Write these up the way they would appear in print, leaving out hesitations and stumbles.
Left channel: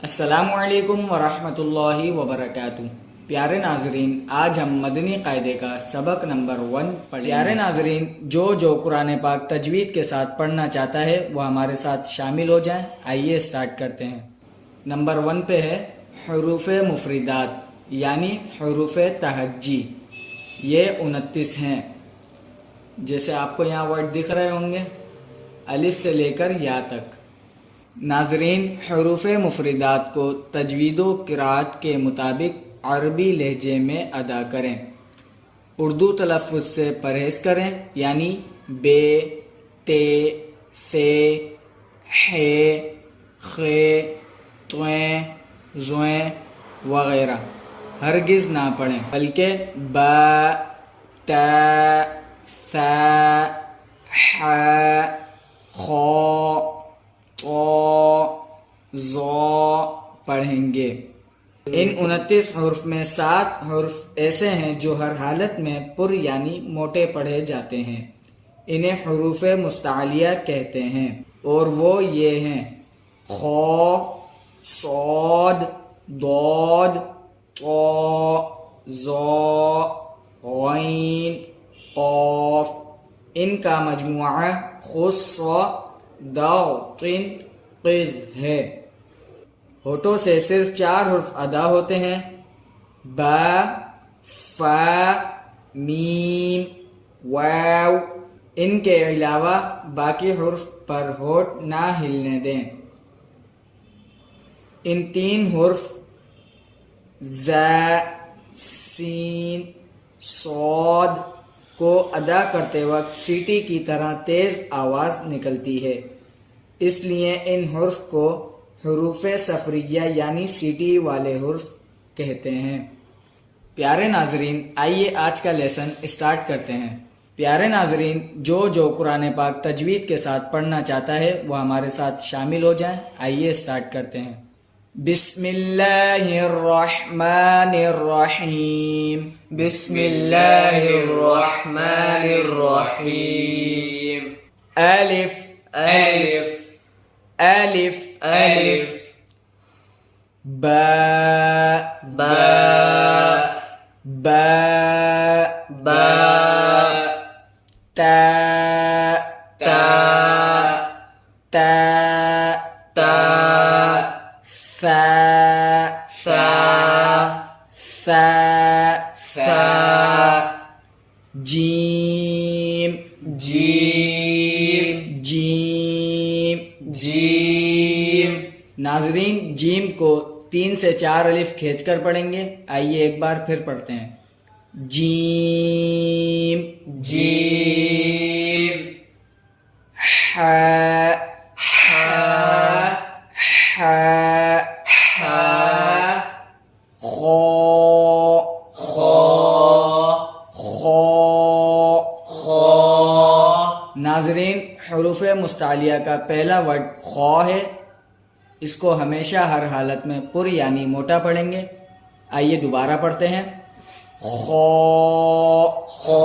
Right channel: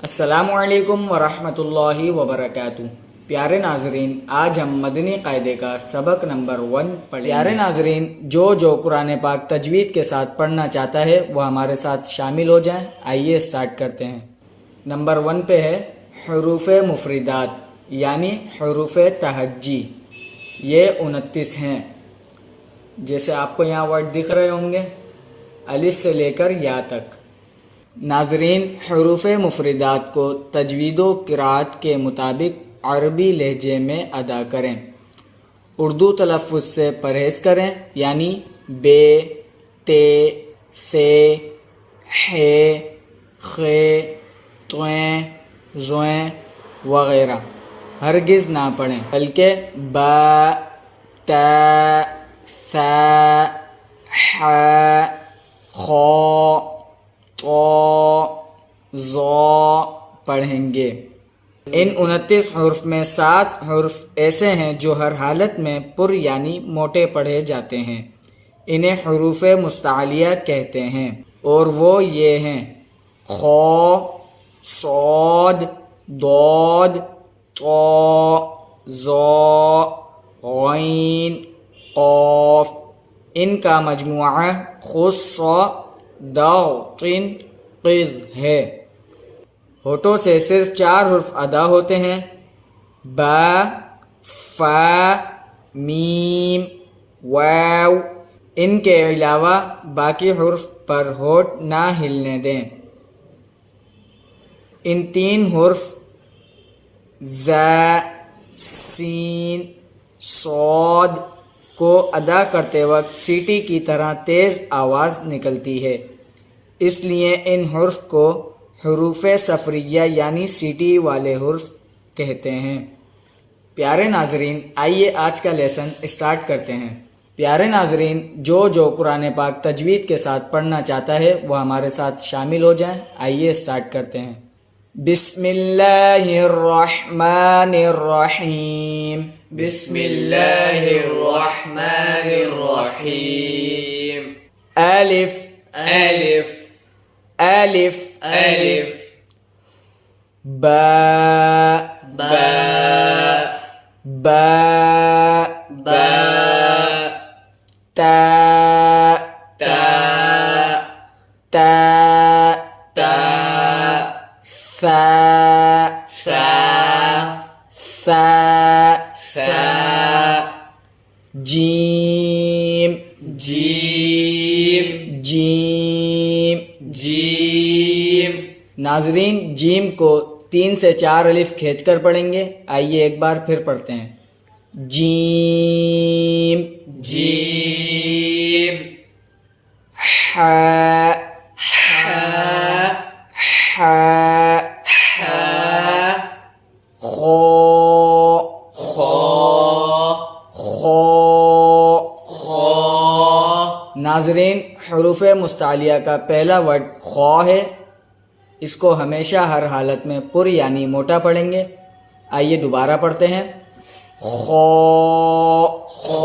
अस्सलामुअलैकुम वरहमतुल्लाहि वबरकातुहू। प्यारे नाजरीन, आज हम मदनी कायदे का सबक नंबर 1 पढ़ेंगे। प्यारे नाजरीन, जो कुरान पाक तजवीद के साथ पढ़ना चाहता है वो हमारे साथ शामिल हो जाएं। आइए स्टार्ट करते हैं। नंबर 1 पे है हरूफ मुफरिदात यानी हरूफ तहज्जी। ये 29 हैं। जैसे आपको यहाँ वर्ड दिख रहे होंगे, अलिफ से लेकर या तक। नाजरीन, हरूफ मुफरिदात को तजवीद व क़िराअत के मुताबिक अरबी लहजे में अदा करें। उर्दू तलफ़्फ़ुज़ से परहेज़ करें, यानी बे, ते, से, हे, खे, त्वें, ज़ोएं वगैरह हरगिज़ ना पढ़ें, बल्कि बा, ता, सा, हा, खो, तो, ज़ो पढ़ेंगे। इन 29 हुर्फ में 7 हुर्फ ऐसे हैं जो हर हालत में पुर यानी मोटे पढ़े जाते हैं। इन्हें हुरूफ मुस्तालिया कहते हैं और वो ये हैं: खो, सौद, दौद, तो, ज़ो, गैन, क़ाफ। इनका मजमुआ खुस्सा दातिन क़िज़ है। होठों से सिर्फ 4 हुर्फ अदा होते हैं: बा, फा, मीम, वाव। इनके अलावा बाकी हुर्फ पर होठ ना हिलने दें। इन 3 हुर्फ ज़ा, सीन, सौद को अदा करते वक्त सीटी की तरह तेज़ आवाज़ निकलती है, इसलिए इन हुर्फ को हुरूफ सफरिया यानी सीटी वाले हुर्फ कहते हैं। प्यारे नाजरीन, आइए आज का लेसन स्टार्ट करते हैं। प्यारे नाजरीन, जो कुरान पाक तजवीद के साथ पढ़ना चाहता है वो हमारे साथ शामिल हो जाएं। आइए स्टार्ट करते हैं। बिस्मिल्लाहिर्रहमानिर्रहीम। बिस्मिल्लाहिर्रहमानिर्रहीम। अलिफ अलिफ अलिफ अलिफ बा बा बा बा ता ता ता ता सा सा सा सा जीम जीम जीम। जीम। नाजरीन, जीम को 3 से 4 अलिफ खींचकर पढ़ेंगे। आइए एक बार फिर पढ़ते हैं। Gym gym. हा हा हा हा खो खो खो। खो। नाजरीन, हुरूफ मुस्तालिया का पहला वर्ड खौ है। इसको हमेशा हर हालत में पुर यानी मोटा पढ़ेंगे। आइए दोबारा पढ़ते हैं। खौ खो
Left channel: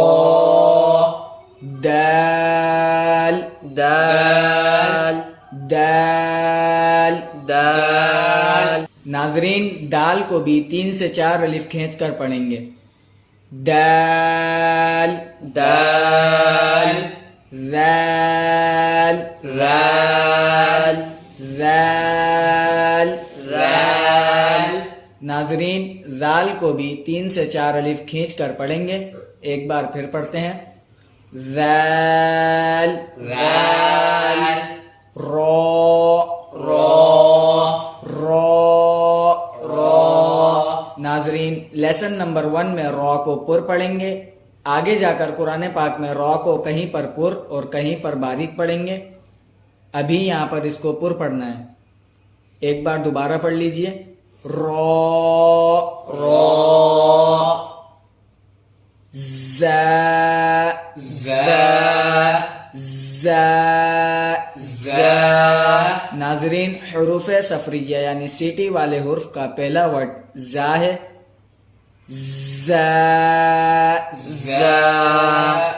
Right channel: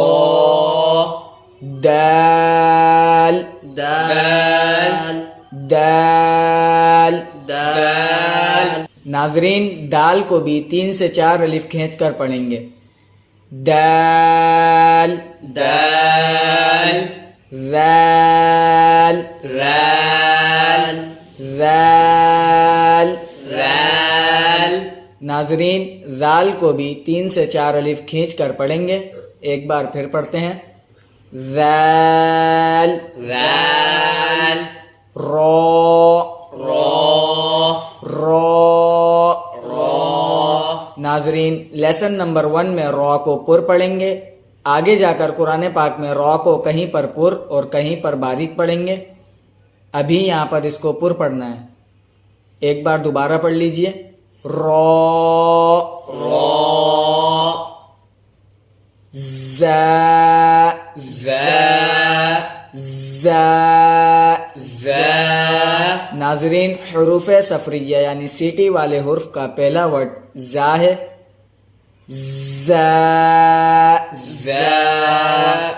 दाल दाल दाल। दाल। नाजरीन, दाल को भी 3 से 4 अलिफ खींच कर पढ़ेंगे। दाल दाल राल राल राल। राल। नाजरीन, जाल को भी 3 से 4 अलिफ खींच कर पढ़ेंगे। एक बार फिर पढ़ते हैं। जाल राल रो रो रो। रो। नाजरीन, लेसन नंबर 1 में रॉ को पुर पढ़ेंगे। आगे जाकर कुरान पाक में रॉ को कहीं पर पुर और कहीं पर बारीक पढ़ेंगे। अभी यहाँ पर इसको पुर पढ़ना है। एक बार दोबारा पढ़ लीजिए। रॉ रो ज़ा ज़ा ज़ा। ज़ा। नाजरीन, हुरूफ सफरिया यानी सीटी वाले हुर्फ का पहला वर्ड ज़ा है। ज़ा ज़ा।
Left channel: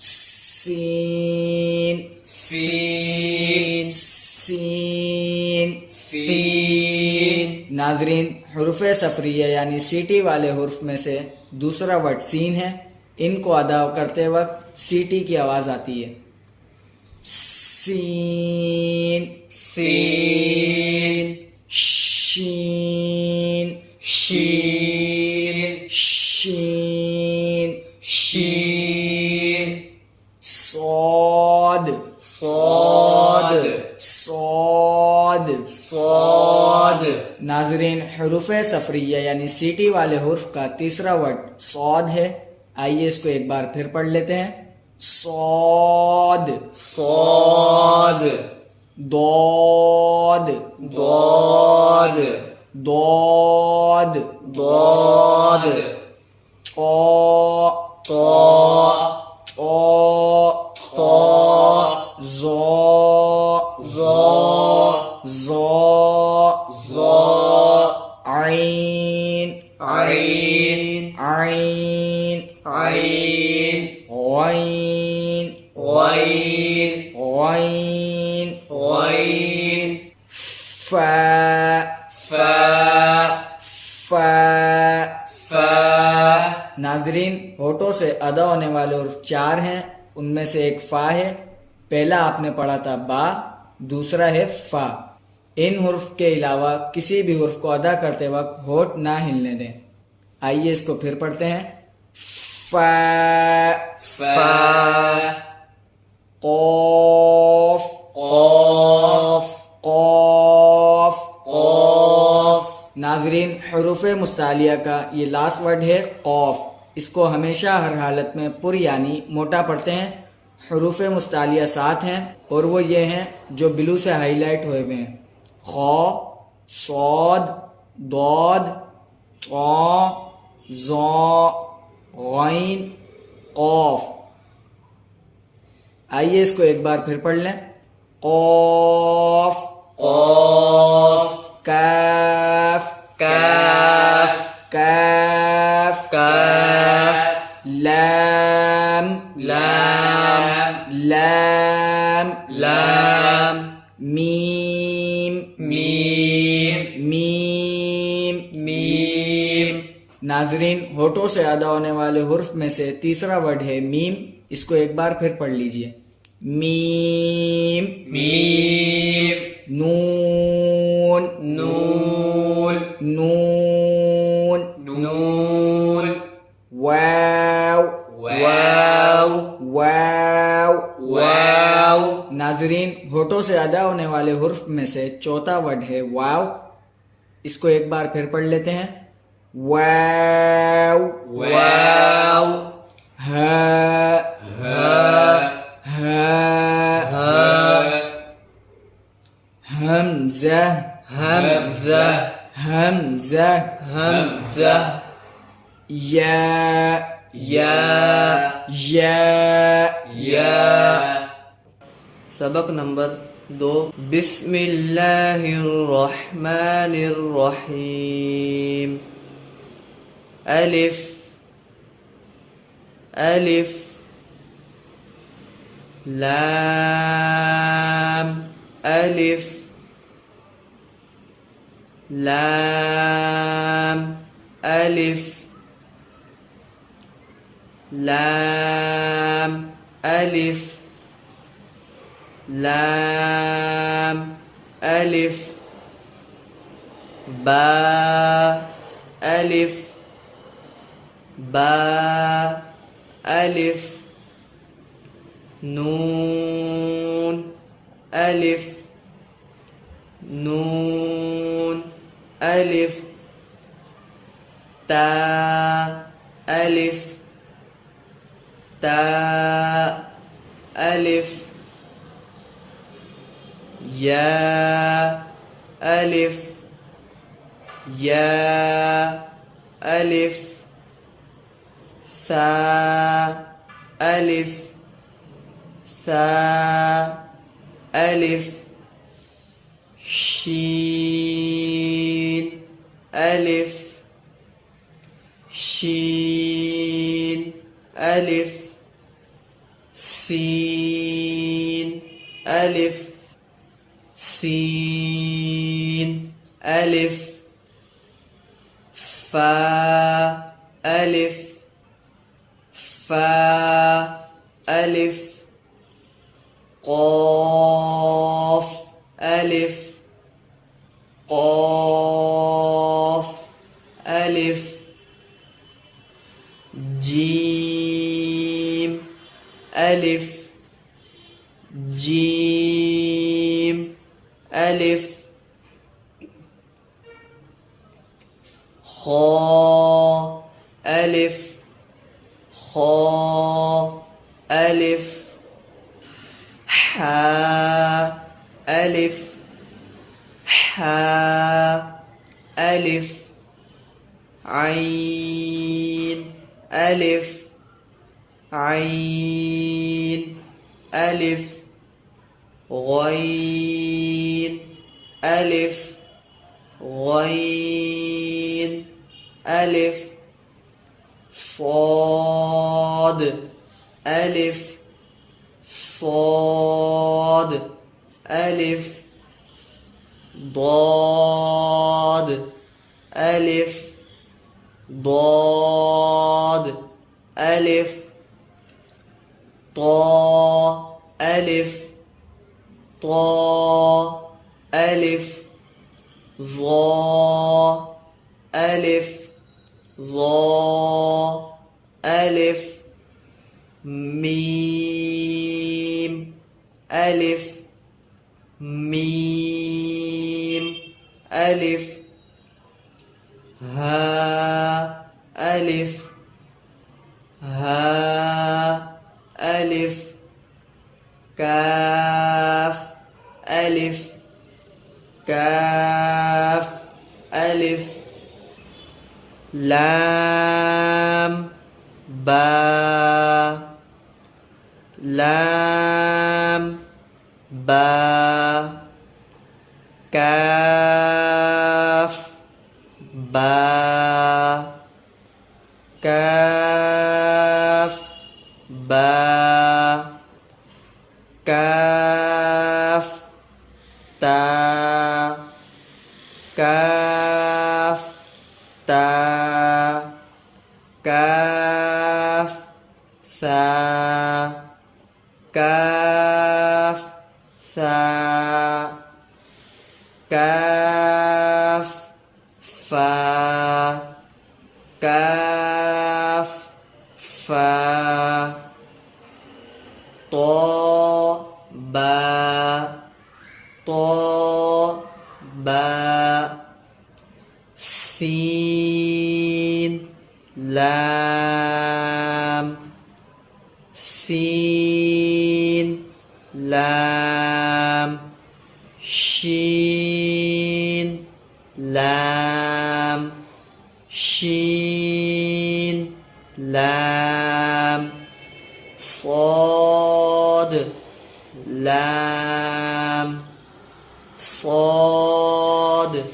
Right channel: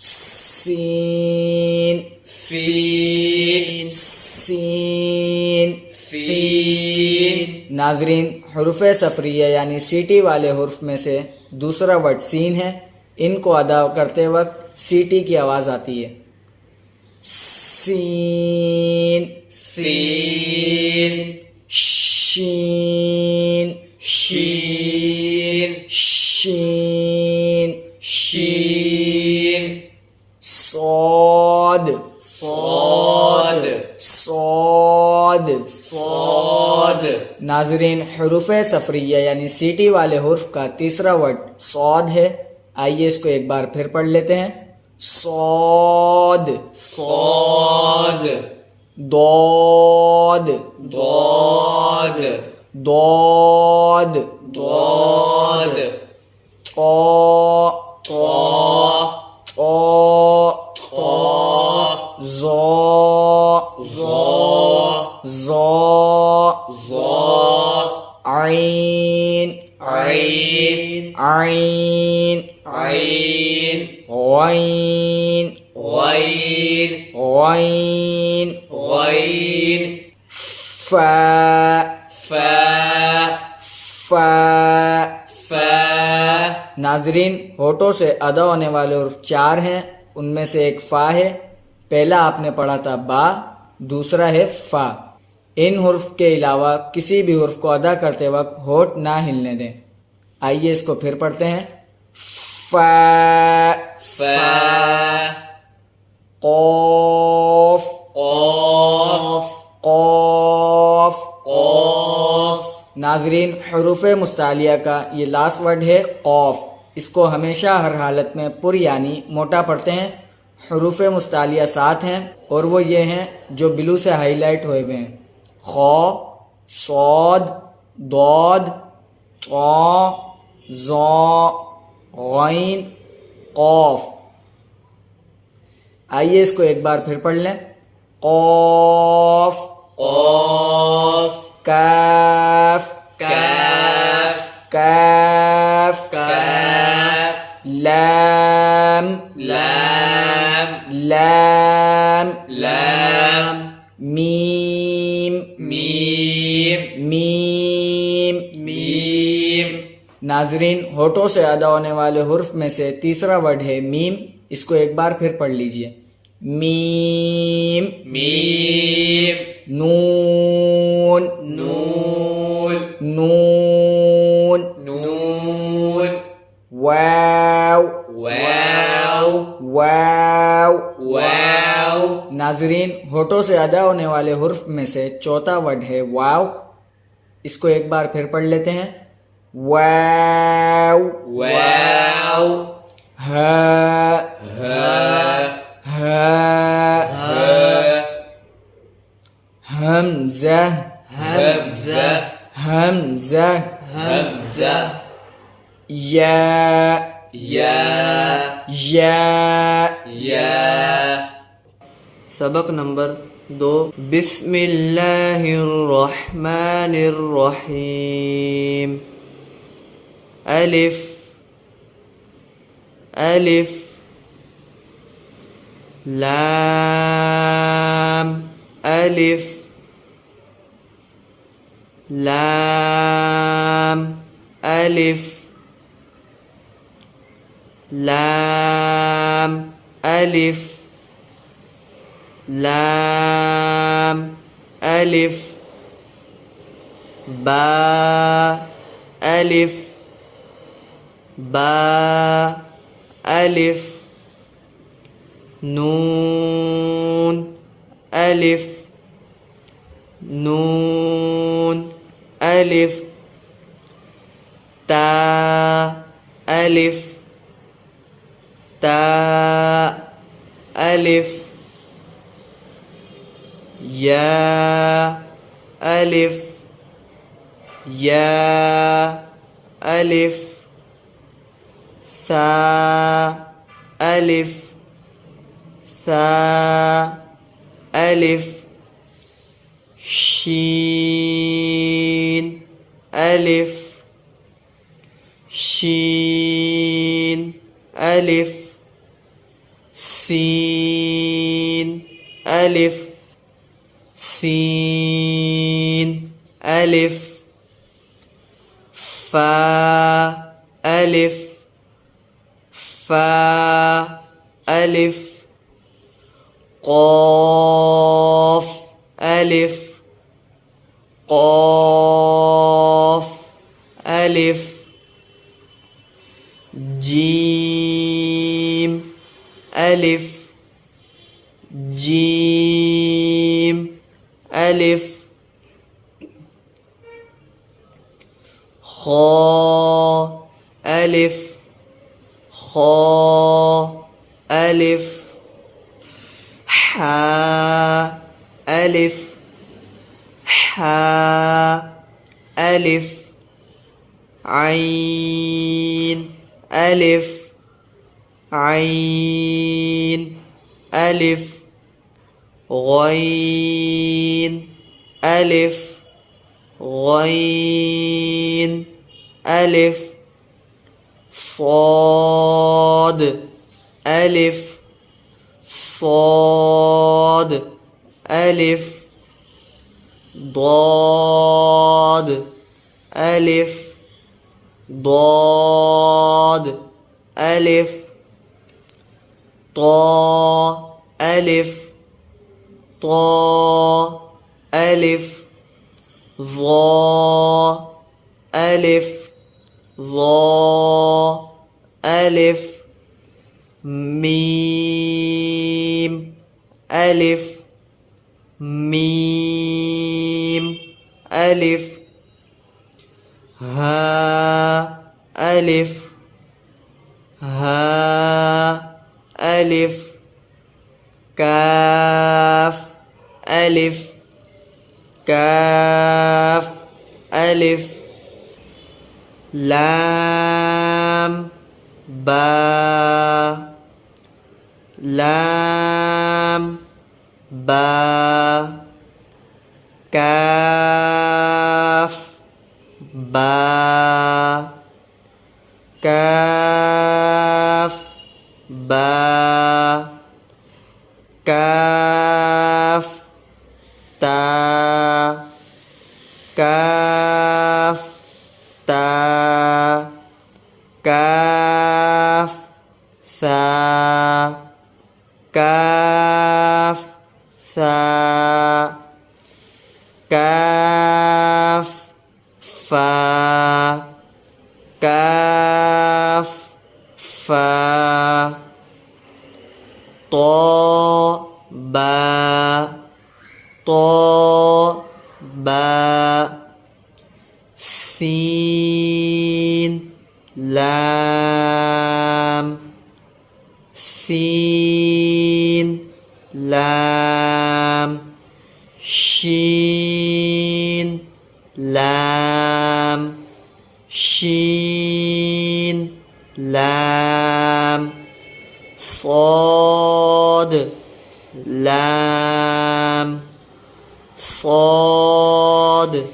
सीन सीन सीन सीन नाजरीन हुरूफ सफरिया यानी सीटी वाले हुर्फ में से दूसरा वर्ड सीन है। इनको अदा करते वक्त सीटी की आवाज़ आती है। सीन, सीन, शीन, शीन, शीन, शीन, सौद, सौद, सौद। सौद। नाजरीन हुरूफ सफरिया यानी सीटी वाले हुर्फ का तीसरा वर्ड सौद है। आइए इसको एक बार फिर पढ़ लेते हैं। सौद, सौद, दौद, दौद, दौद, दौद, तौ, तौ, तौ, तौ, ज़ौ, ज़ौ, ज़ौ, ज़ौ, आइन, आइन, आइन, आइन, गैन, गैन, गैन, गैन, फा, फा, फा। फा। नाजरीन होठों से अदा होने वाले हुर्फ 4 हैं। उनमें से एक फा है। पहला आपने पढ़ा था बा, दूसरा है फा। इन हुर्फ के अलावा किसी भी हुर्फ को अदा करते वक्त होठ ना हिलने दें। आइए इसको फिर पढ़ते हैं। फा, फा, कौफ, कौफ, कौफ। कौफ। नाजरीन हुरूफ मुस्तालिया का ये लास्ट वर्ड है कौफ। इसको हमेशा हर हालत में पुर यानी मोटा पढ़ते हैं। हुरूफ मुस्तालिया 7 हैं और वो ये हैं जो ब्लू से हाईलाइट हुए हुए हैं। खौ, सौद, दौद, तौ, ज़ौ, गैन, कौफ। आइए इसको एक बार फिर पढ़ लें। कौफ, कौफ, काफ, काफ, काफ, काफ, लाम, लाम, लाम, लाम, मीम, मीम, मीम। मीम। नाजरीन होठों से अदा होने वाले हुर्फ में से तीसरा वर्ड है मीम। इसको एक बार फिर पढ़ लीजिए। मीम, मीम, नून, नून, नून, नून, वाव, वाव, वाव। वाव। नाजरीन होठों से अदा होने वाले हुर्फ में से चौथा वर्ड है वाव। इसको एक बार फिर पढ़ लेते हैं। वाव, वाव, हा, हा, हा, हा, हमजा, हमजा, हमजा, हमजा, या, या, या। या। सबक नंबर 2। बिस्मिल्लाहिर्रहमानिर्रहीम। अलिफ, अलिफ, लाम, अलिफ, लाम, अलिफ, लाम, अलिफ, लाम, अलिफ, बा, अलिफ, बा, अलिफ, नून, अलिफ, नून, अलिफ, ता, अलिफ, ता, अलिफ, या, अलिफ, या, अलिफ, सा, अलिफ, सा, अलिफ, शीन, अलिफ, शीन, अलिफ, सीन, अलिफ, सीन, अलिफ, فا ألف فا ألف قاف ألف قاف ألف جيم ألف جيم ألف خا ألف خا ألف حا ألف حا ألف عين ألف عين ألف غين ألف غين ألف صاد ألف صاد ألف ضاد ألف ضاد ألف طا ألف طا ألف ظا ألف ظا ألف ميم ألف ميم ألف ها ألف ها ألف كاف ألف كاف ألف لام با لام با كاف با كاف با كاف تا كاف تا كاف ثا كاف ثا كاف فا كاف فا طا با طا با سين لام سين لام شين لام شين لام صاد لام صاد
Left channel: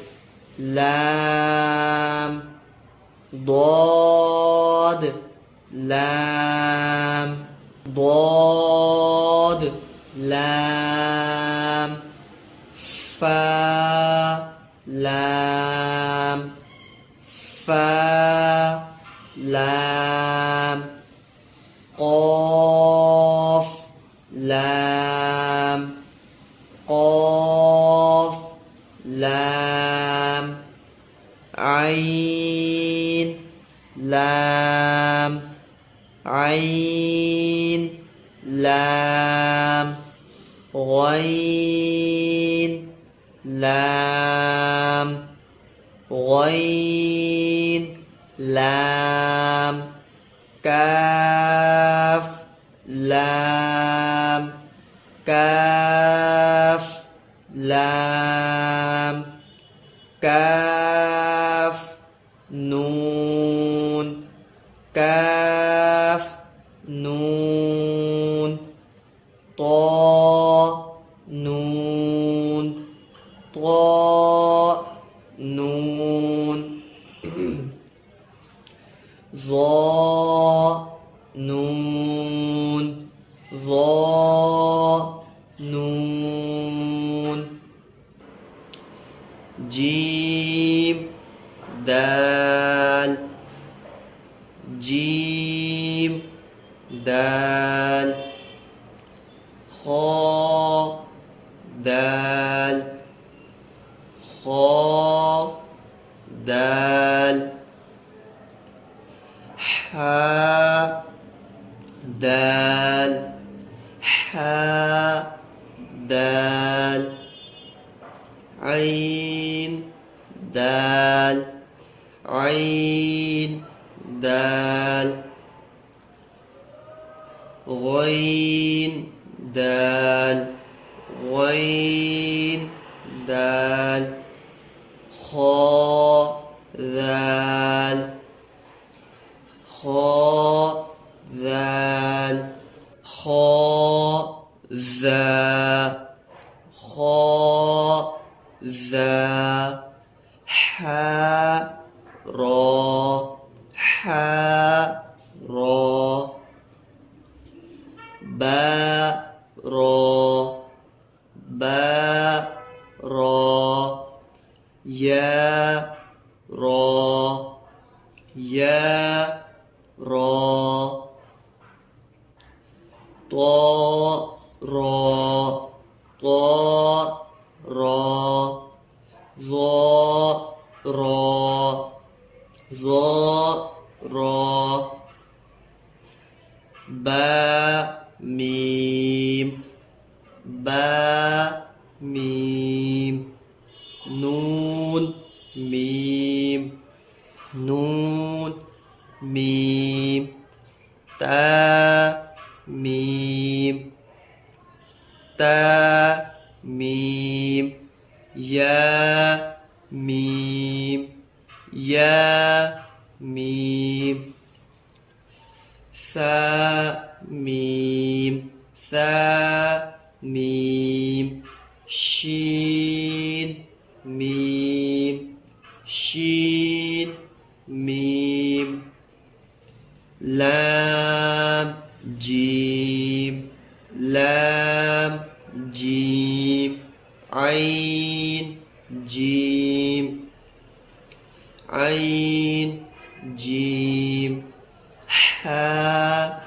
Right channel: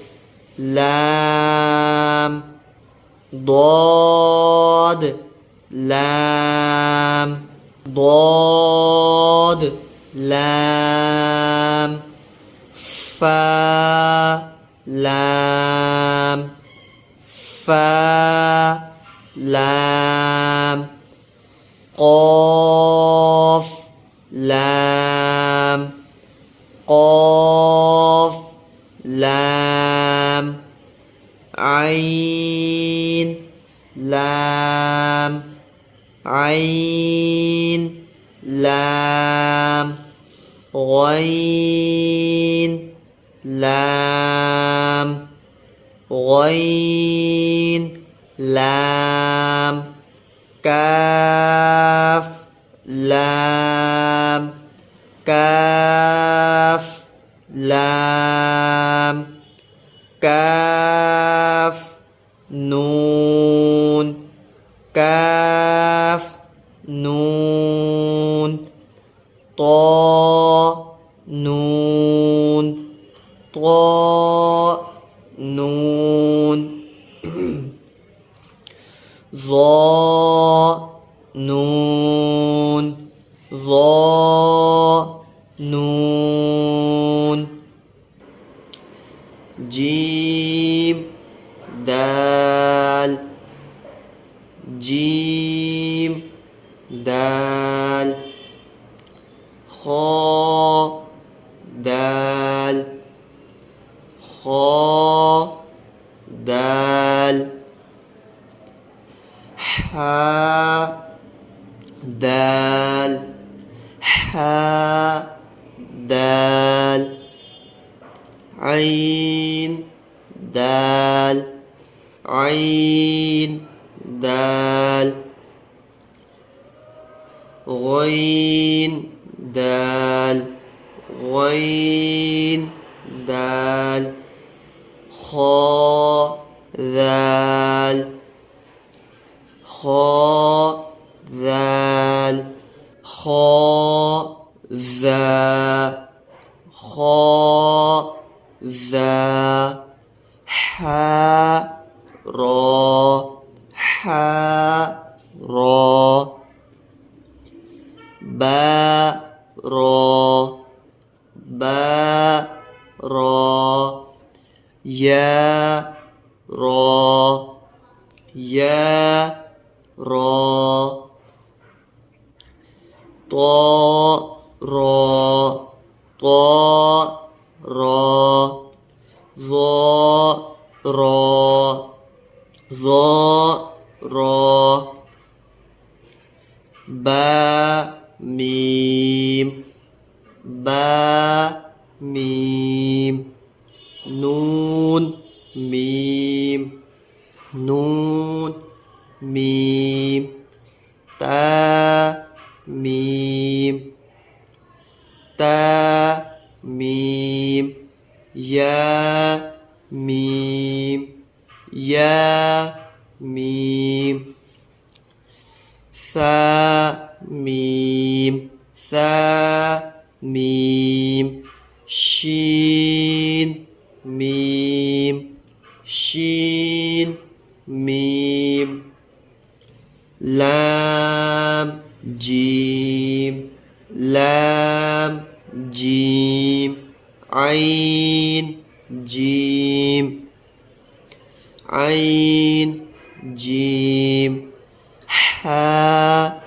لام ضاد لام ضاد لام فا لام فا لام قاف لام قاف لام عين لام عين لام غين لام غين لام كاف لام كاف لام كاف نون كاف نون طا نون طا نون ظا نون ظا نون جيم دال دال خا دال خا دال حا دال حا دال عين دال عين دال غين دال غين دال خا ذال خا ذال خا زا خا ذا حا را حا را با را با را يا را يا را طا را طا را ظا را ظا را با ميم با ميم نون ميم نون ميم تا ميم تا ميم يا ميم يا ميم ثا ميم ثا ميم شين ميم شين ميم لام جيم لام جيم عين جيم عين جيم حا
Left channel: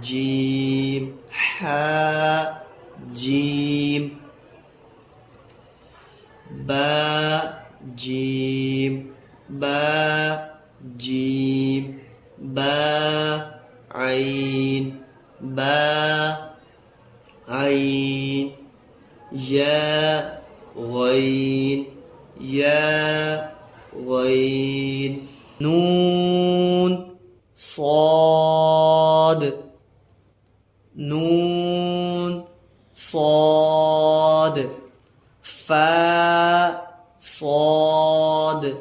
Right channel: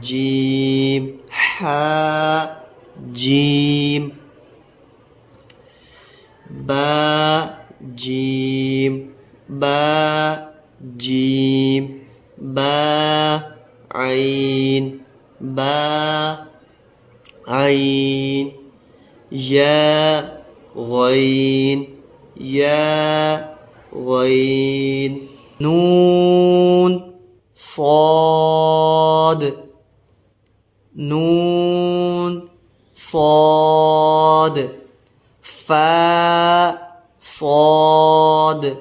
جيم حا جيم با جيم با جيم با عين با عين يا غين يا غين نون صاد نون صاد فا صاد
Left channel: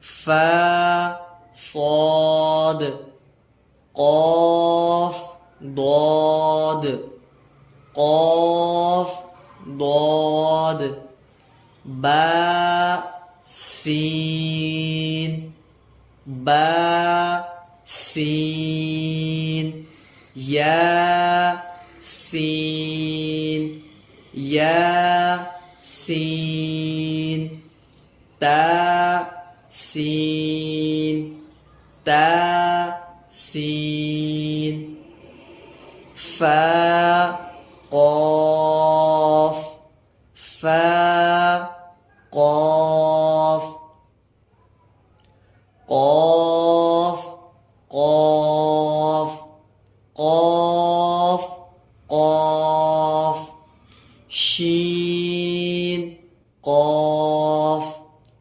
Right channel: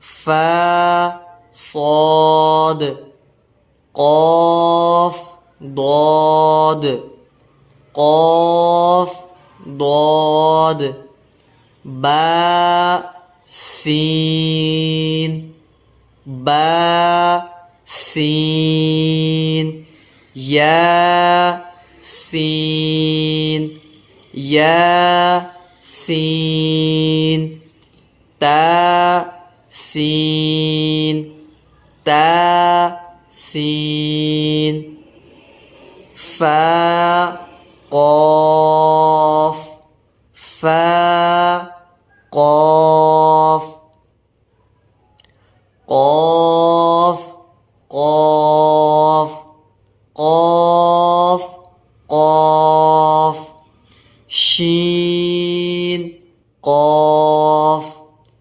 فا صاد قاف ضاد قاف ضاد با سين با سين يا سين يا سين تا سين تا سين فا قاف فا قاف قاف قاف قاف قاف شين قاف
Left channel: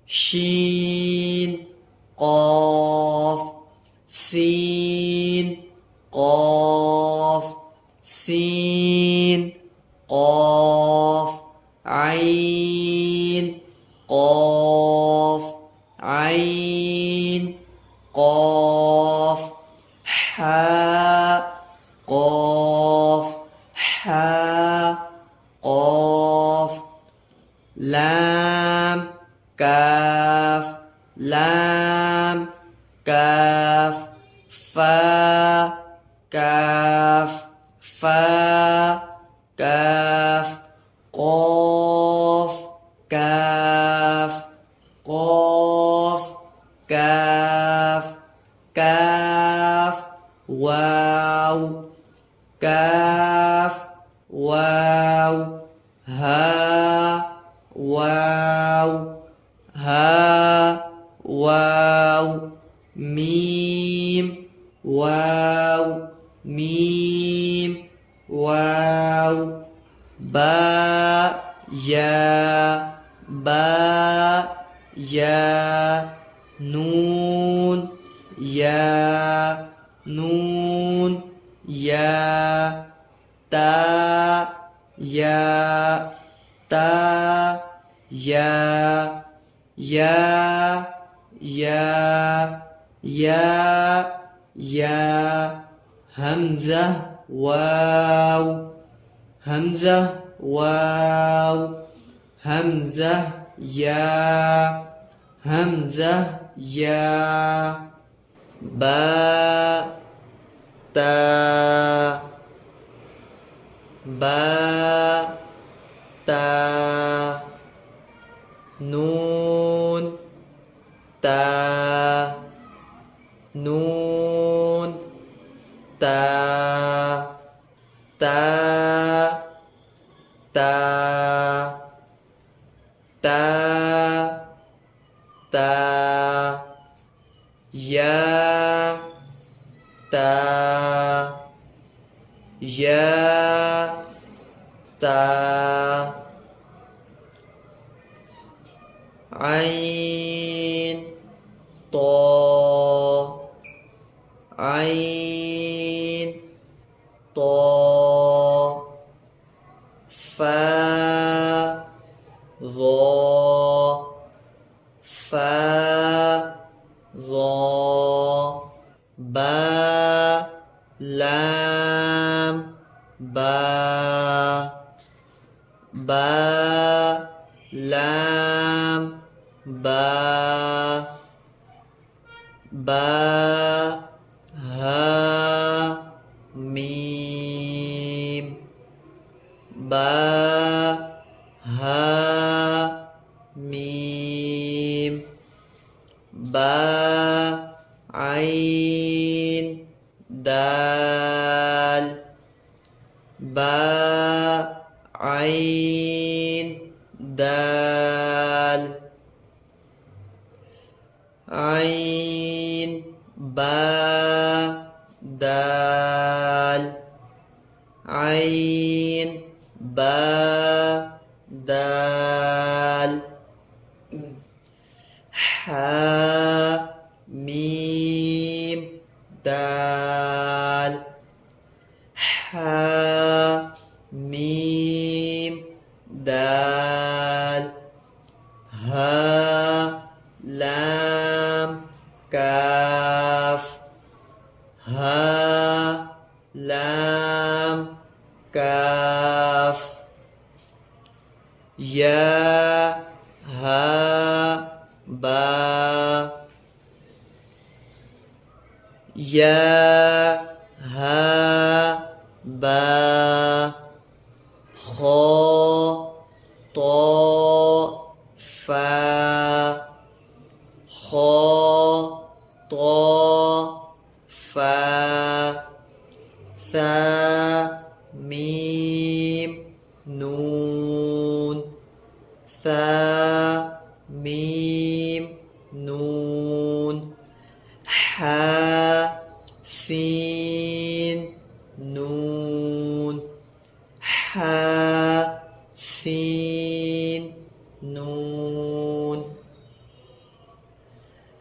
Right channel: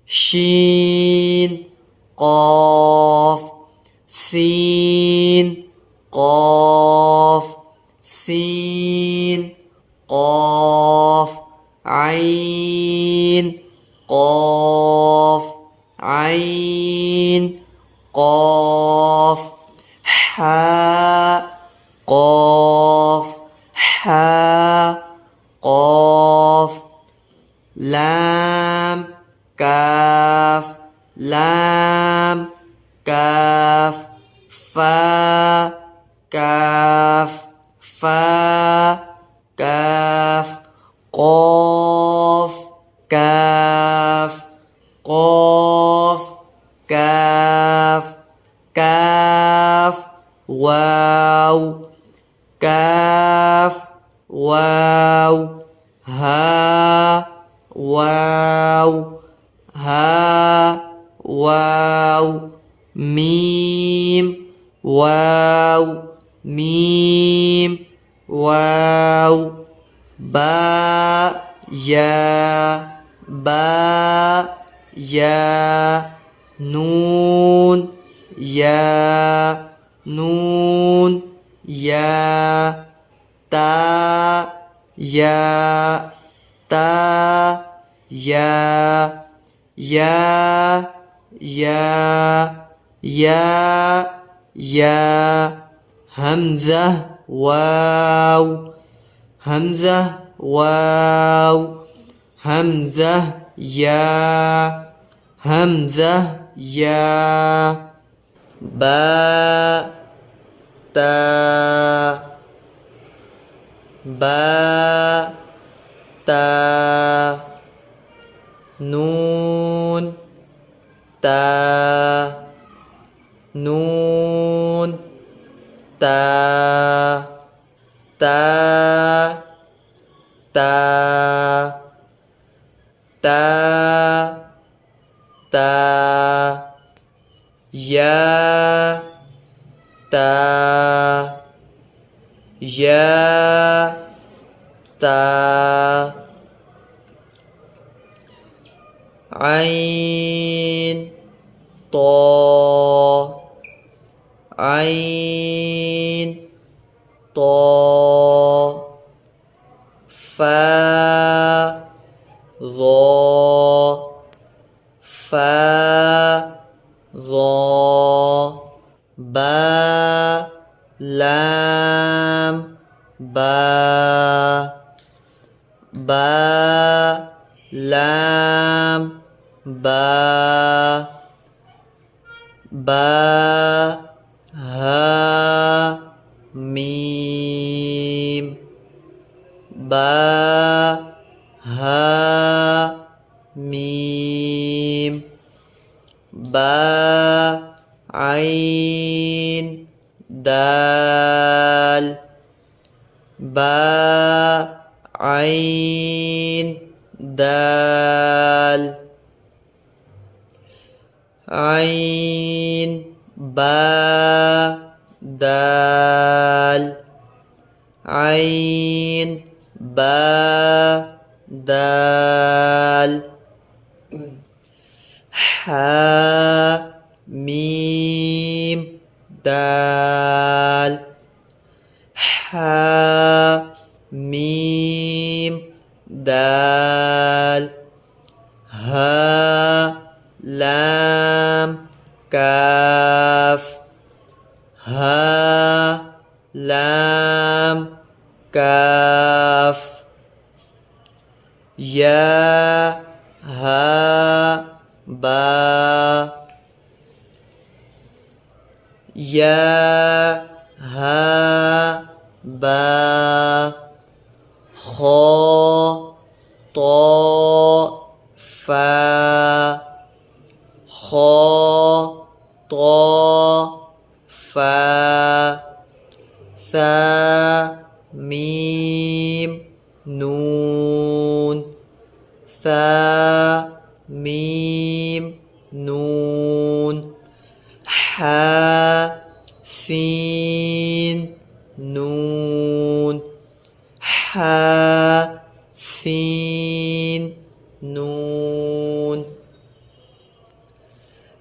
شين قاف سين قاف سين قاف عين قاف عين قاف حاء قاف حاء قاف لام كاف لام كاف فا كاف فا كاف قاف كاف قاف كاف كاف واو كاف واو ها واو ها واو ميم واو ميم واو باء يا نون نون يا تا يا همزة واو همزة يا با تا نون تا يا عين طا فا ظا با لام با ها ميم با عين دال عين با دال عين با دال حا ميم دال حا ميم دال ها لام كاف ها لام كاف يا ها با يا ها با خا طا فا خا طا فا ثا ميم نون ثا ميم نون حا سين نون حا سين نون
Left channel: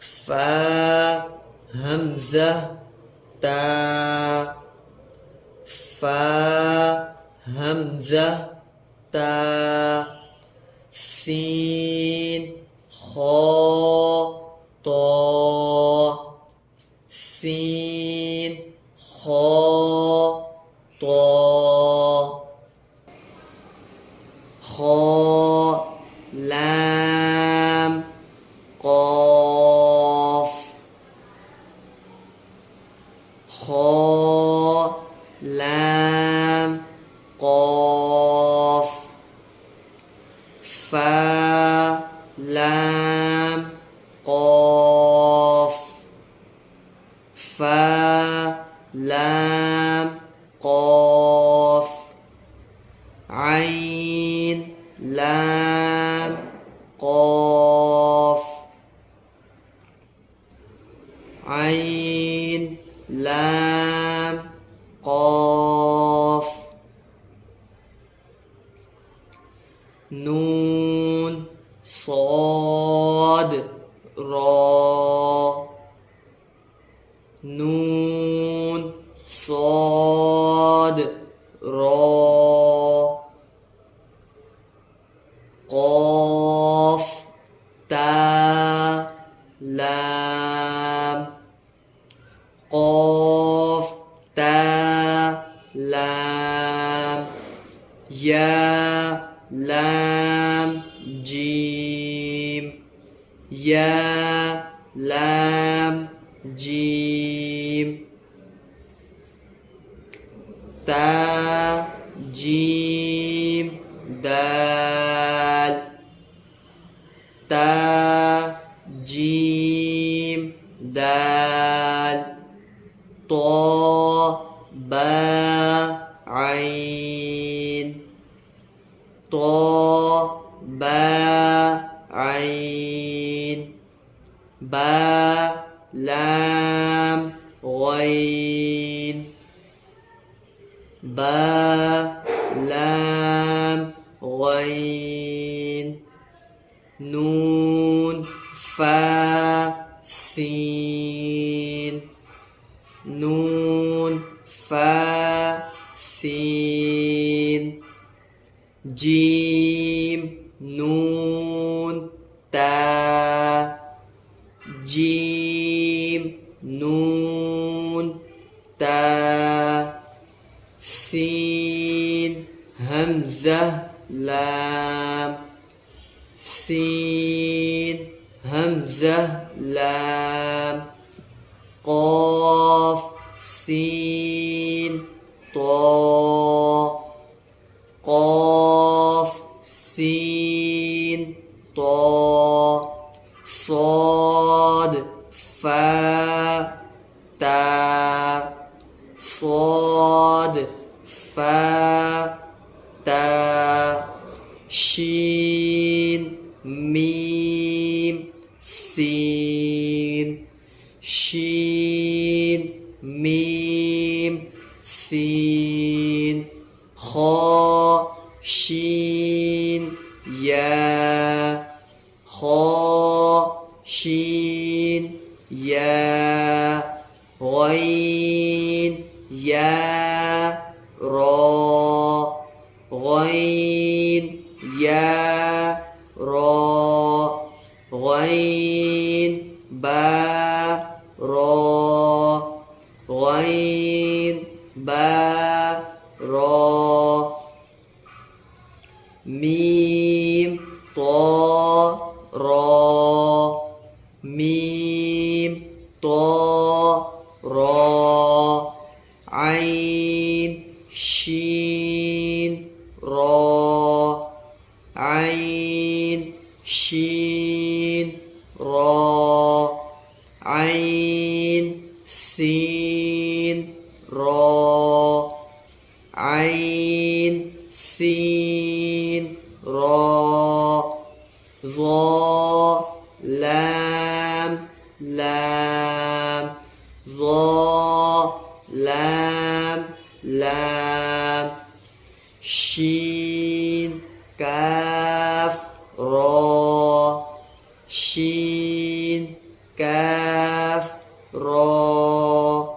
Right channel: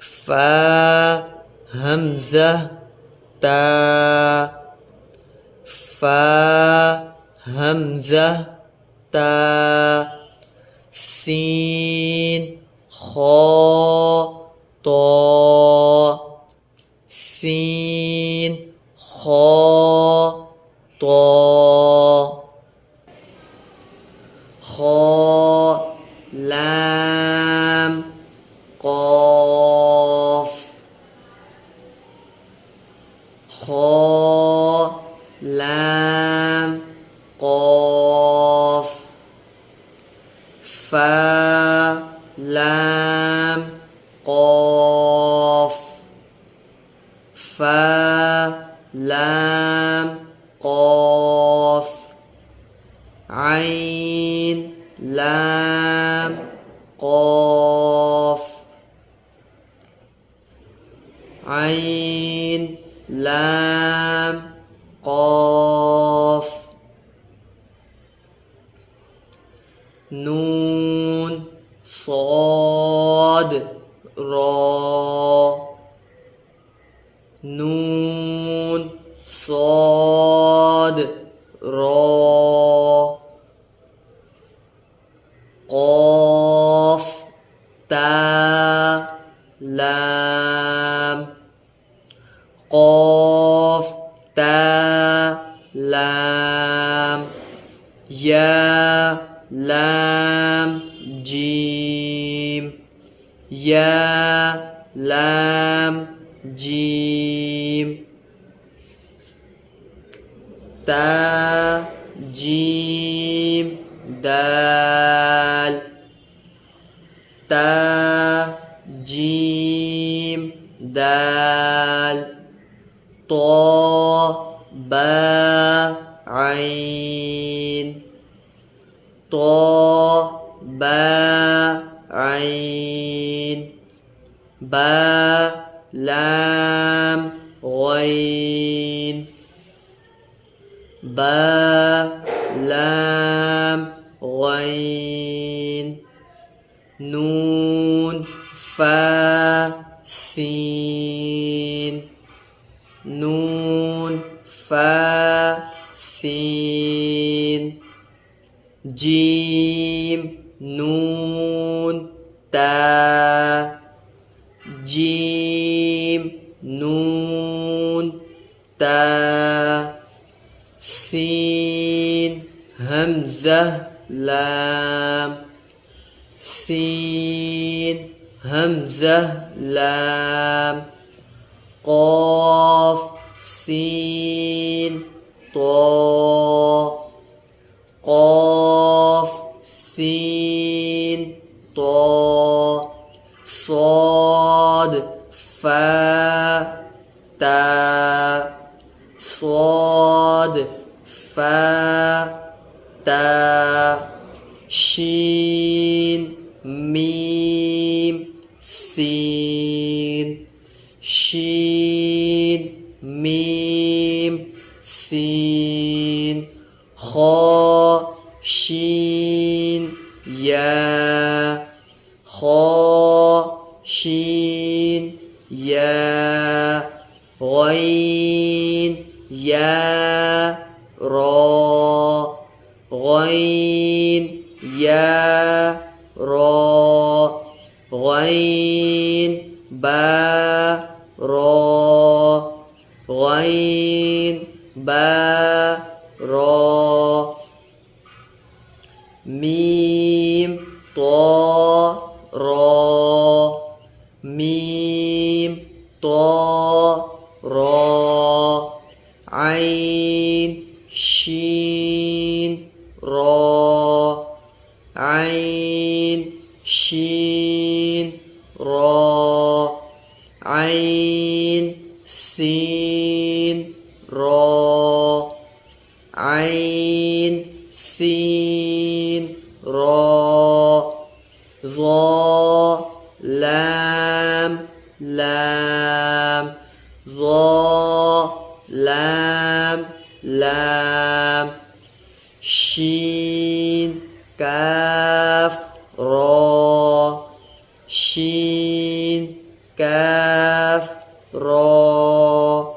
فا همزة تا فا همزة تا سين خا طا سين خا طا خا لام قاف خا لام قاف فا لام قاف فا لام قاف لام قاف عين لام قاف نون صاد را نون صاد را قاف تا لام قاف تا لام يا لام جيم يا لام جيم تا جيم دال تا جيم دال طا با عين طا با عين با لام غين با لام غين نون فا سين نون فا سين جيم نون تا جيم نون تا سين همزة لام سين همزة لام قاف سين طا قاف سين طا صاد فا تا صاد فا تا شين ميم سين شين ميم سين خا شين يا خا شين يا غين يا را غين يا را غين با را غين با را ميم طا را ميم طا را عين شين را عين شين را عين سين را عين سين را ظا لام لام ظا لام لام شين كاف را شين كاف را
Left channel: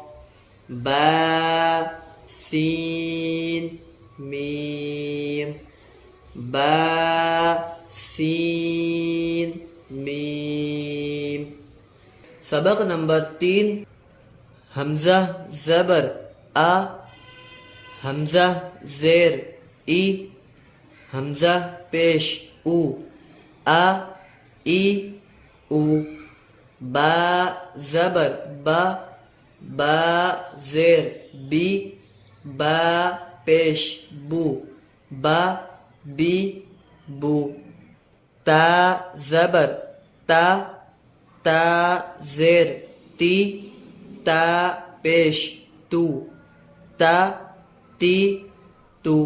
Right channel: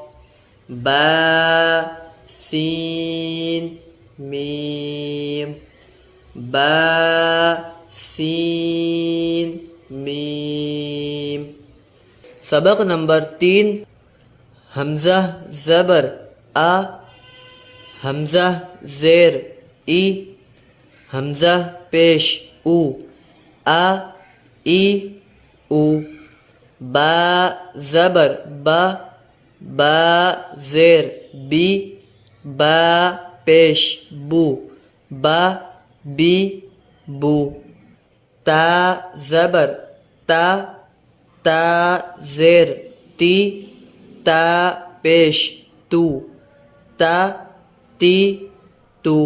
با سين ميم با سين ميم सबक नंबर 3 हमजा ज़बर आ हमजा ज़ेर ई हमजा पेश उ आ ई उ बा ज़बर बा ज़ेर बी बा पेश बू बा बी बू ता ज़बर ता ज़ेर ती ता पेश तू ता ती तू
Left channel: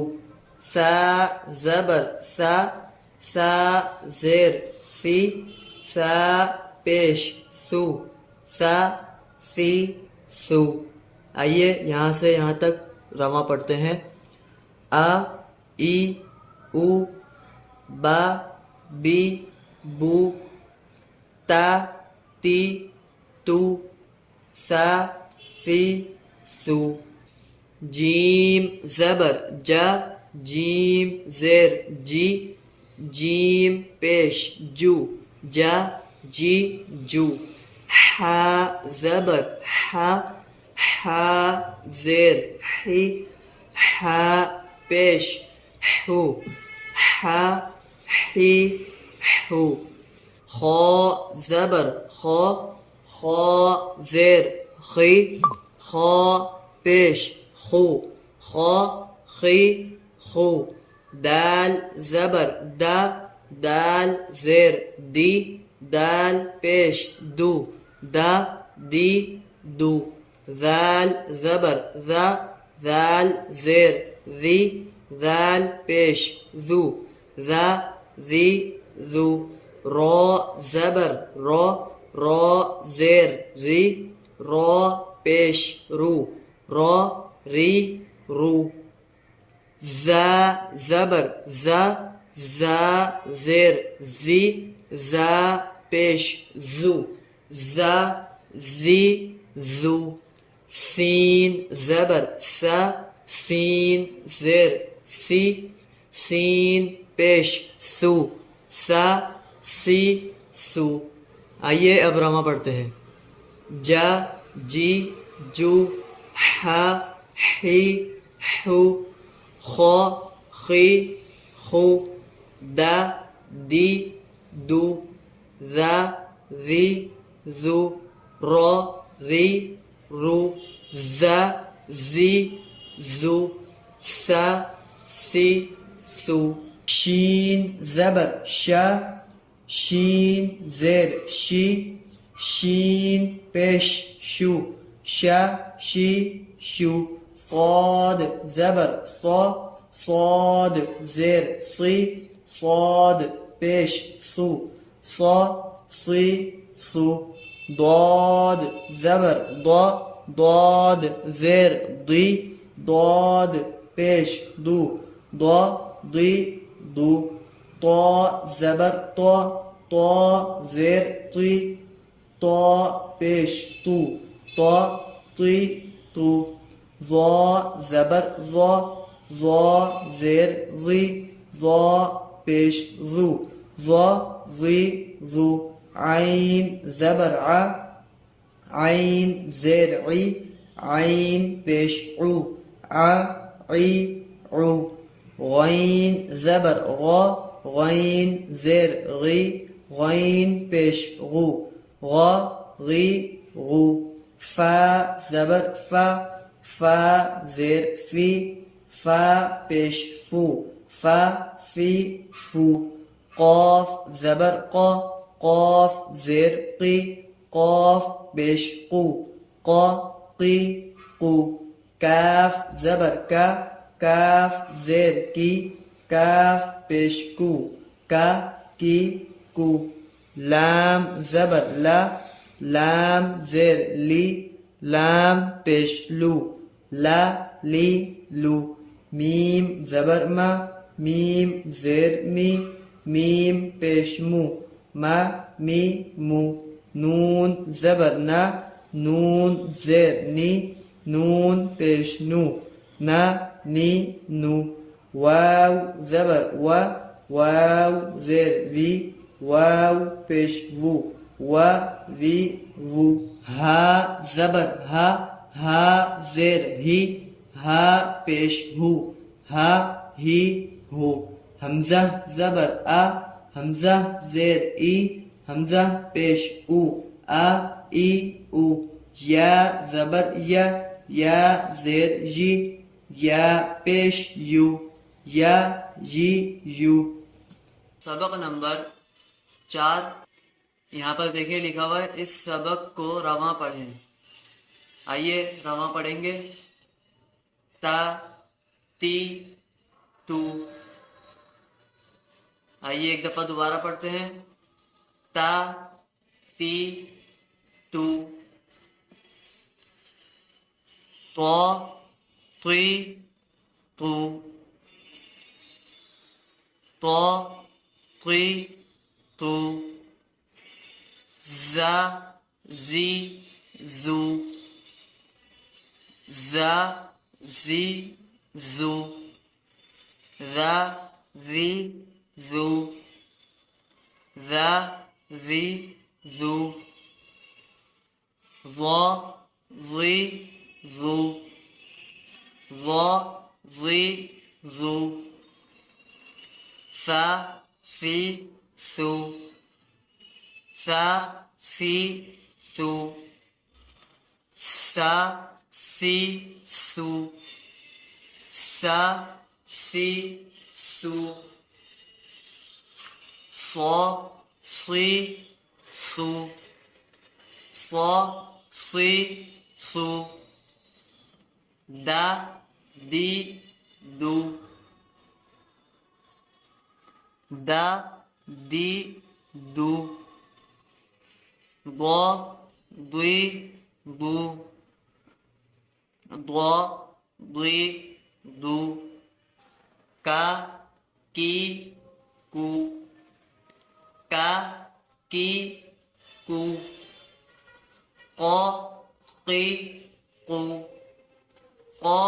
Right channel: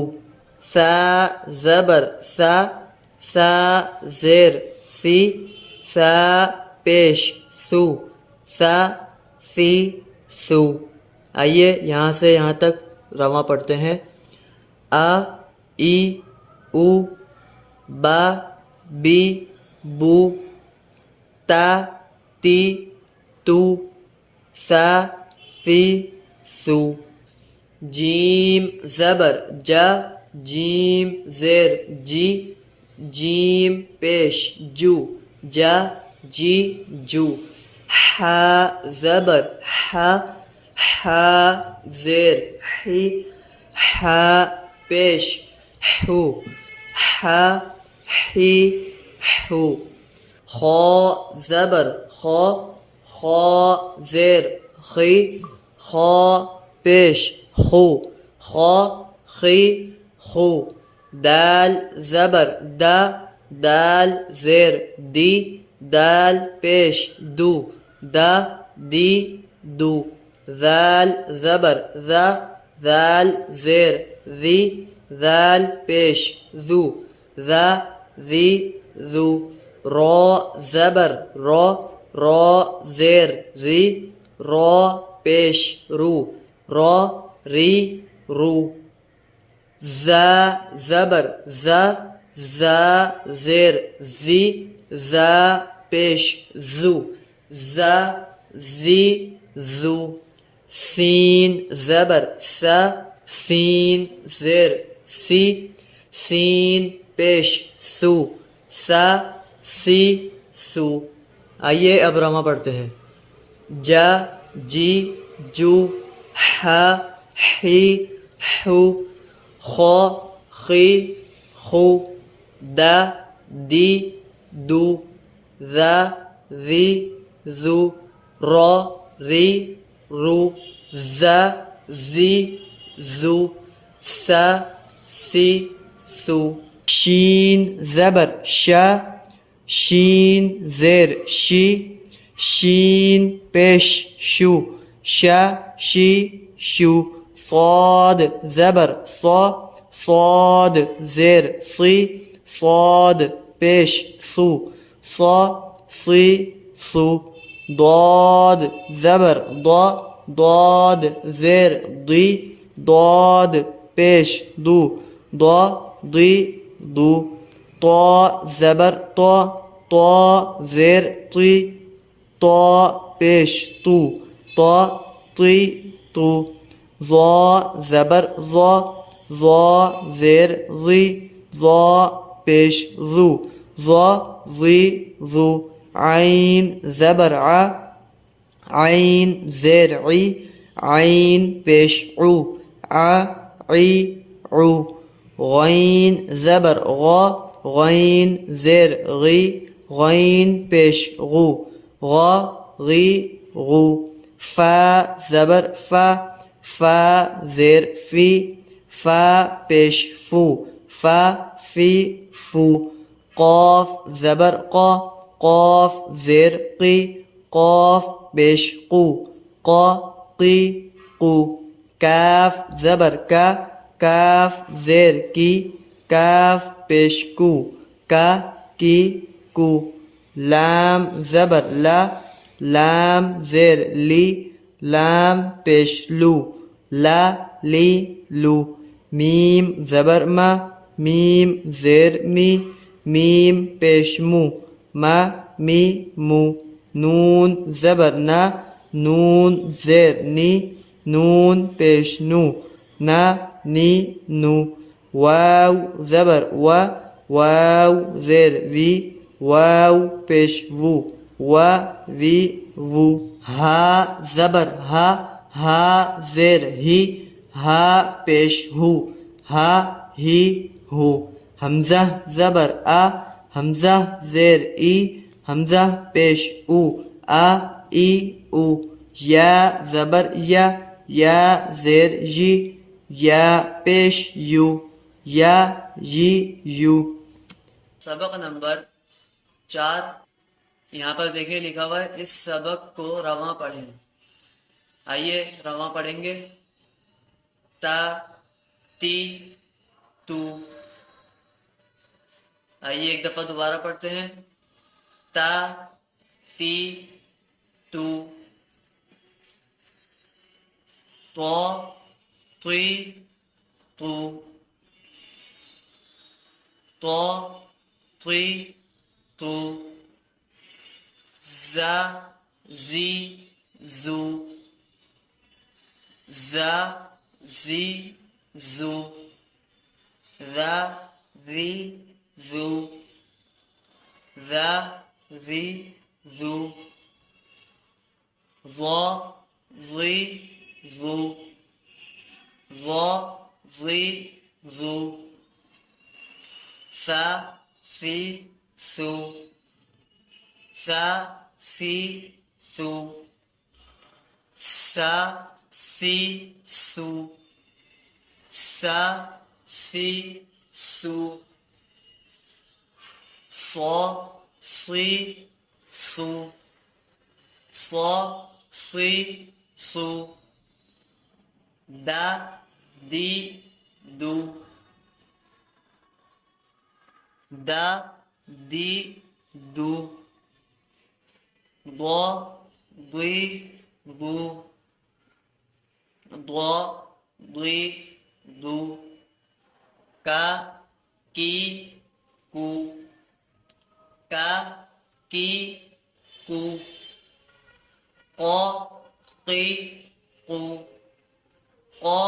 सा ज़बर सा सा ज़ेर सी सा पेश सू सा सी सू। आइए यहाँ से यहाँ तक रवा पढ़ते हैं। आ ई उ बा बी बू ता ती तू सा सी सू। जीम ज़बर जा जीम ज़ेर जी जीम पेश जू जा जी जू। हा ज़बर हा हा ज़ेर ही हा पेश हू हा ही हू। खो ज़बर खो खो ज़ेर खी खो पेश खू खो खी खू। दाल ज़बर दा दाल ज़ेर दी दाल पेश दू दा दी दू। ज़ाल ज़बर ज़ा ज़ाल ज़ेर ज़ी ज़ाल पेश ज़ू ज़ा ज़ी ज़ू। रो ज़बर रो रो ज़ेर री रो पेश रू रो री रू। ज़ा ज़बर ज़ा ज़ा ज़ेर ज़ी ज़ा पेश ज़ू ज़ा ज़ी ज़ू। सीन ज़बर सा सीन ज़ेर सी सीन पेश सू सा सी सू। आइए अब रमा पढ़ते हैं। जा जी जू हा ही हू खो खी खू दा दी दू ज़ा ज़ी ज़ू रो री रू ज़ा ज़ी ज़ू सा सी सू। शीन ज़बर शा शीन ज़ेर शी शीन पेश शू शा शी शू। صاد ज़बर صا صاد ज़ेर सी صاد पेश सू صا सी सू। ضاد ज़बर ضا ضاد ज़ेर दी ضاد पेश दू ضا दी दू। طا ज़बर طا طا ज़ेर ती طا पेश तू طا ती तू। ظا ज़बर ظا ظا ज़ेर ज़ी ظا पेश ज़ू ظا ज़ी ज़ू। आइन ज़बर आ आइन ज़ेर ई आइन पेश ऊ आ ई ऊ। गैन ज़बर ग़ा गैन ज़ेर गी गैन पेश गू ग़ा गी गू। फ़ा ज़बर फ़ा फ़ा ज़ेर फ़ी फ़ा पेश फ़ू फ़ा फ़ी फ़ू। क़ाफ़ ज़बर क़ा क़ाफ़ ज़ेर क़ी क़ाफ़ पेश क़ू क़ा क़ी क़ू। काफ़ ज़बर का काफ़ ज़ेर की काफ़ पेश कू का की कू। लाम ज़बर ला लाम ज़ेर ली लाम पेश लू ला ली लू। मीम ज़बर मा मीम ज़ेर मी मीम पेश मू मा मी मू। नून ज़बर ना नून ज़ेर नी नून पेश नू ना नी नू। वाव ज़बर वा वाव ज़ेर वी वाव पेश वू वा वी वू। हा ज़बर हा हा ज़ेर ही हा पेश हू हा ही हू। हमज़ा ज़बर आ हमज़ा ज़ेर ई हमज़ा पेश ऊ आ ई ऊ। या ज़बर या ज़ेर जी या पेश यू या जी यू। सबक नंबर 4 यहाँ पर देखिए लिखा हुआ है, इस सबक को रवां पढ़ें। आइए रवां पढ़ेंगे। ता ती तू आइए एक दफा दोबारा पढ़ते हैं। ता ती तू, तो तुई तू, तो तुई तू, जा जी जू, जा जी जू, रा वी जू, रा वी जू, ज़ो ज़ी जू, ज़ो ज़ी जू, सा सी सू, सा सी सू, सा सी सू, सा सी सू, सो सी सू, सो सी सू, दा दी दू, दा दी दू, दो दुई दू, दो दुई दू, का की कू, का की कू, को की कू, को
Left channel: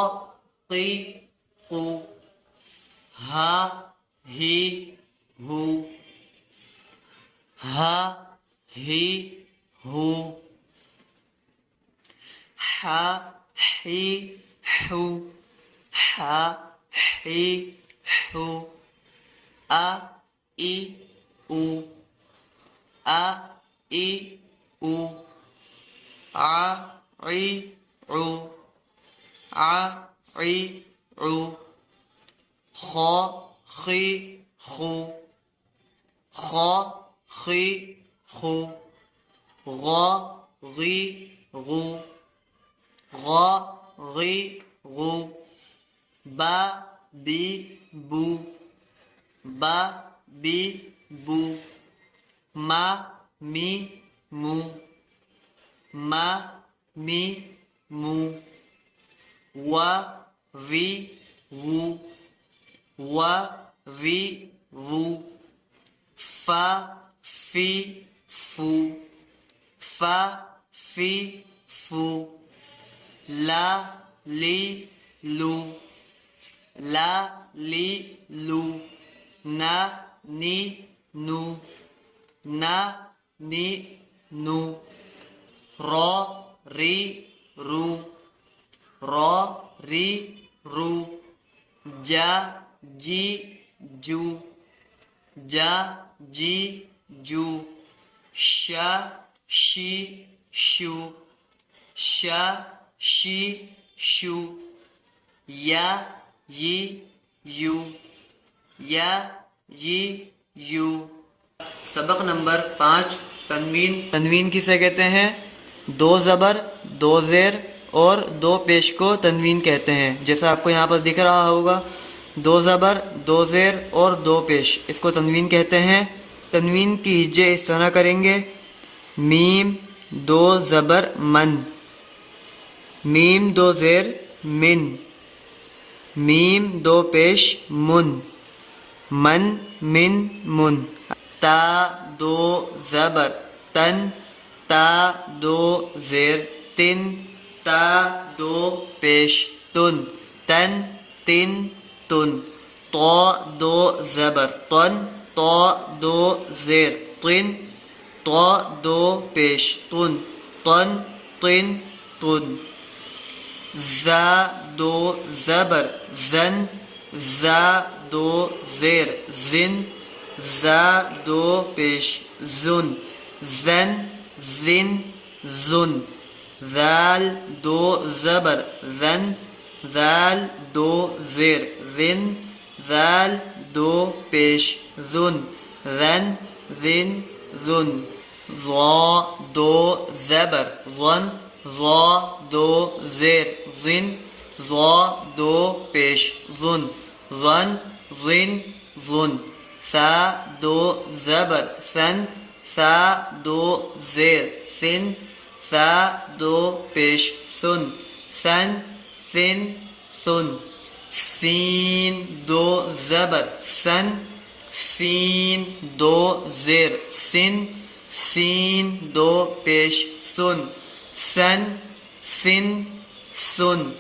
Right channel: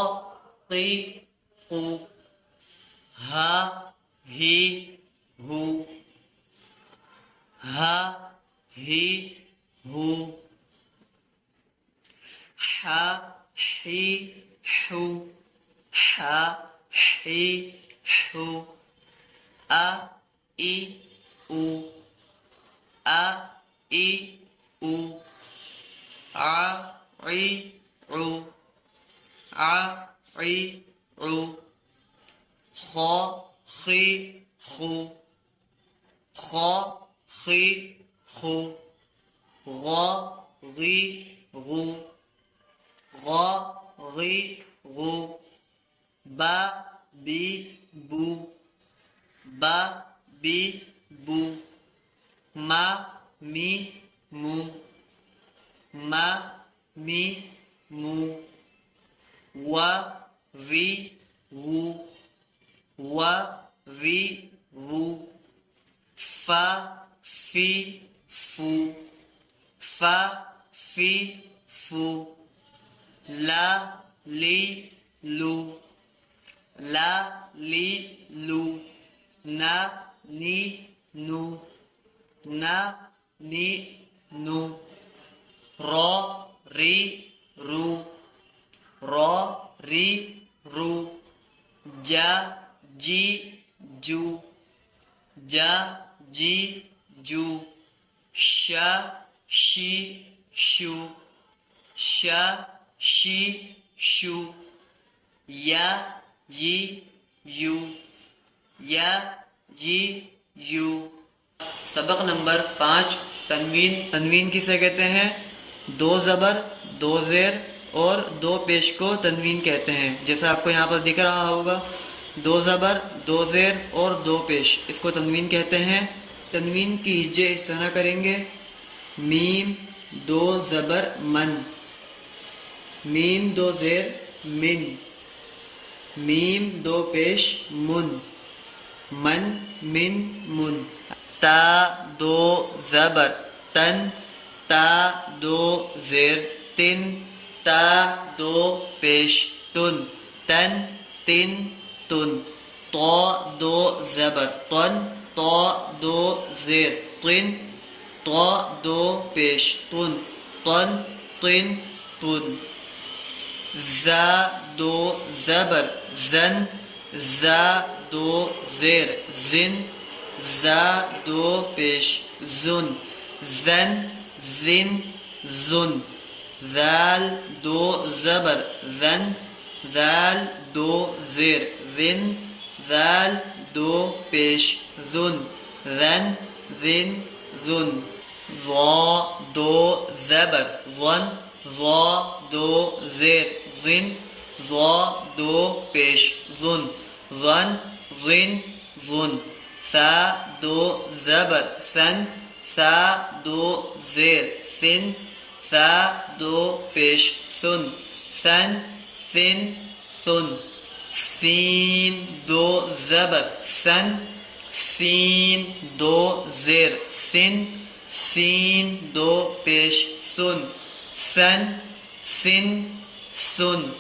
की कू, हा ही हू, हा ही हू, हा ही हू, हा ही हू, आ ई ऊ, आ ई ऊ, आ ई ऊ, आ ई ऊ, खो खी खू, खो खी खू, गो गी गू, गो गी गू, बा बी बू, बा बी बू, मा मी मू, मा मी मू, वा वी वू, वा वी वू, फा फी फू, फा फी फू, ला ली लू, ला ली लू, ना नी नू, ना नी नू, रो री रू, रो री रू, जा जी जू, जा जी जू, शा शी शू, शा शी शू, या यी यू, या यी यू। सबक नंबर 5 तनवीन। तनवीन किसे कहते हैं? दो ज़बर, दो ज़ेर और दो पेश को तनवीन कहते हैं। जैसा आपको यहाँ पर दिख रहा होगा, दो ज़बर, दो ज़ेर और दो पेश, इसको तनवीन कहते हैं। तनवीन की हिज्जे इस तरह करेंगे: मीम दो ज़बर मन, मीम दो ज़ेर मिन, मीम दो पेश मुन, मन मिन मुन। ता दो ज़बर तन, ता दो ज़ेर तिन, ता दो पेश तुन, तन तिन तुन। तो दो ज़बर तन, तो दो ज़ेर तिन, तो दो पेश तुन, तन तिन तुन। ज़ा दो ज़बर ज़न, ज़ा दो ज़ेर ज़िन, ज़ा दो पेश ज़ुन, ज़न ज़िन ज़ुन। ज़ाल दो ज़बर ज़न, ज़ाल दो ज़ेर ज़िन, ज़ाल दो पेश ज़ुन, ज़न ज़िन ज़ुन। ज़ा दो ज़बर ज़न, ज़ा दो ज़ेर ज़िन, ज़ा दो पेश ज़ुन, ज़न ज़िन ज़ुन। सा दो ज़बर सन सा दो ज़ेर सिन सा दो पेश सुन सन सिन सुन सीन दो ज़बर सन सीन दो ज़ेर सिन सीन दो पेश सुन सन सिन सुन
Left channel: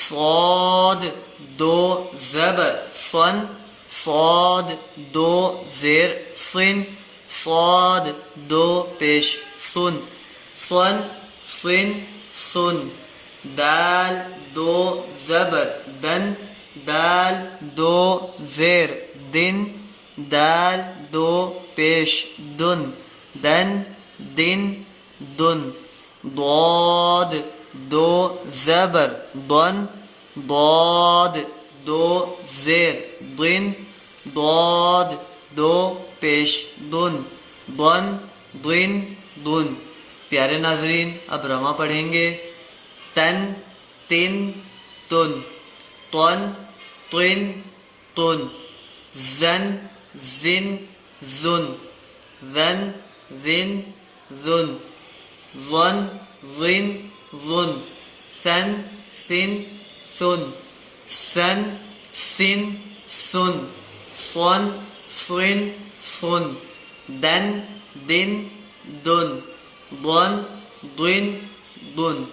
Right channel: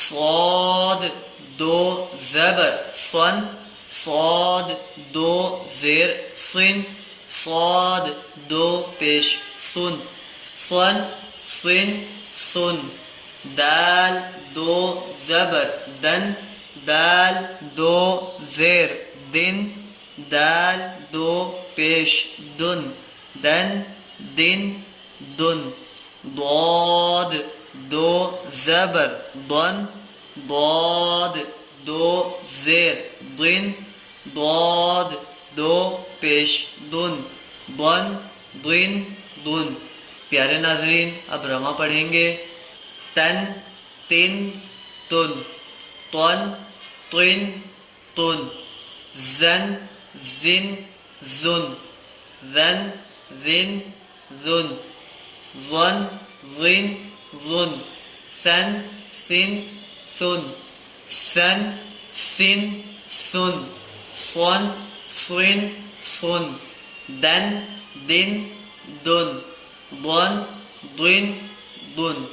صاد दो ज़बर सन صاد दो ज़ेर सिन صاد दो पेश सुन सन सिन सुन दाल दो ज़बर दन दाल दो ज़ेर दिन दाल दो पेश दुन दन दिन दुन ضاد दो ज़बर दन ضاد दो ज़ेर दिन ضاد दो पेश दुन दन दिन दुन। प्यारे नाजरीन, अब रमा पढ़ेंगे। तन तिन तुन तन तिन तुन जन जिन जुन ज़न जिन जुन ज़न जिन जुन सन सिन सुन सन सिन सुन सन सिन सुन दन दिन दुन ضن ضن ضن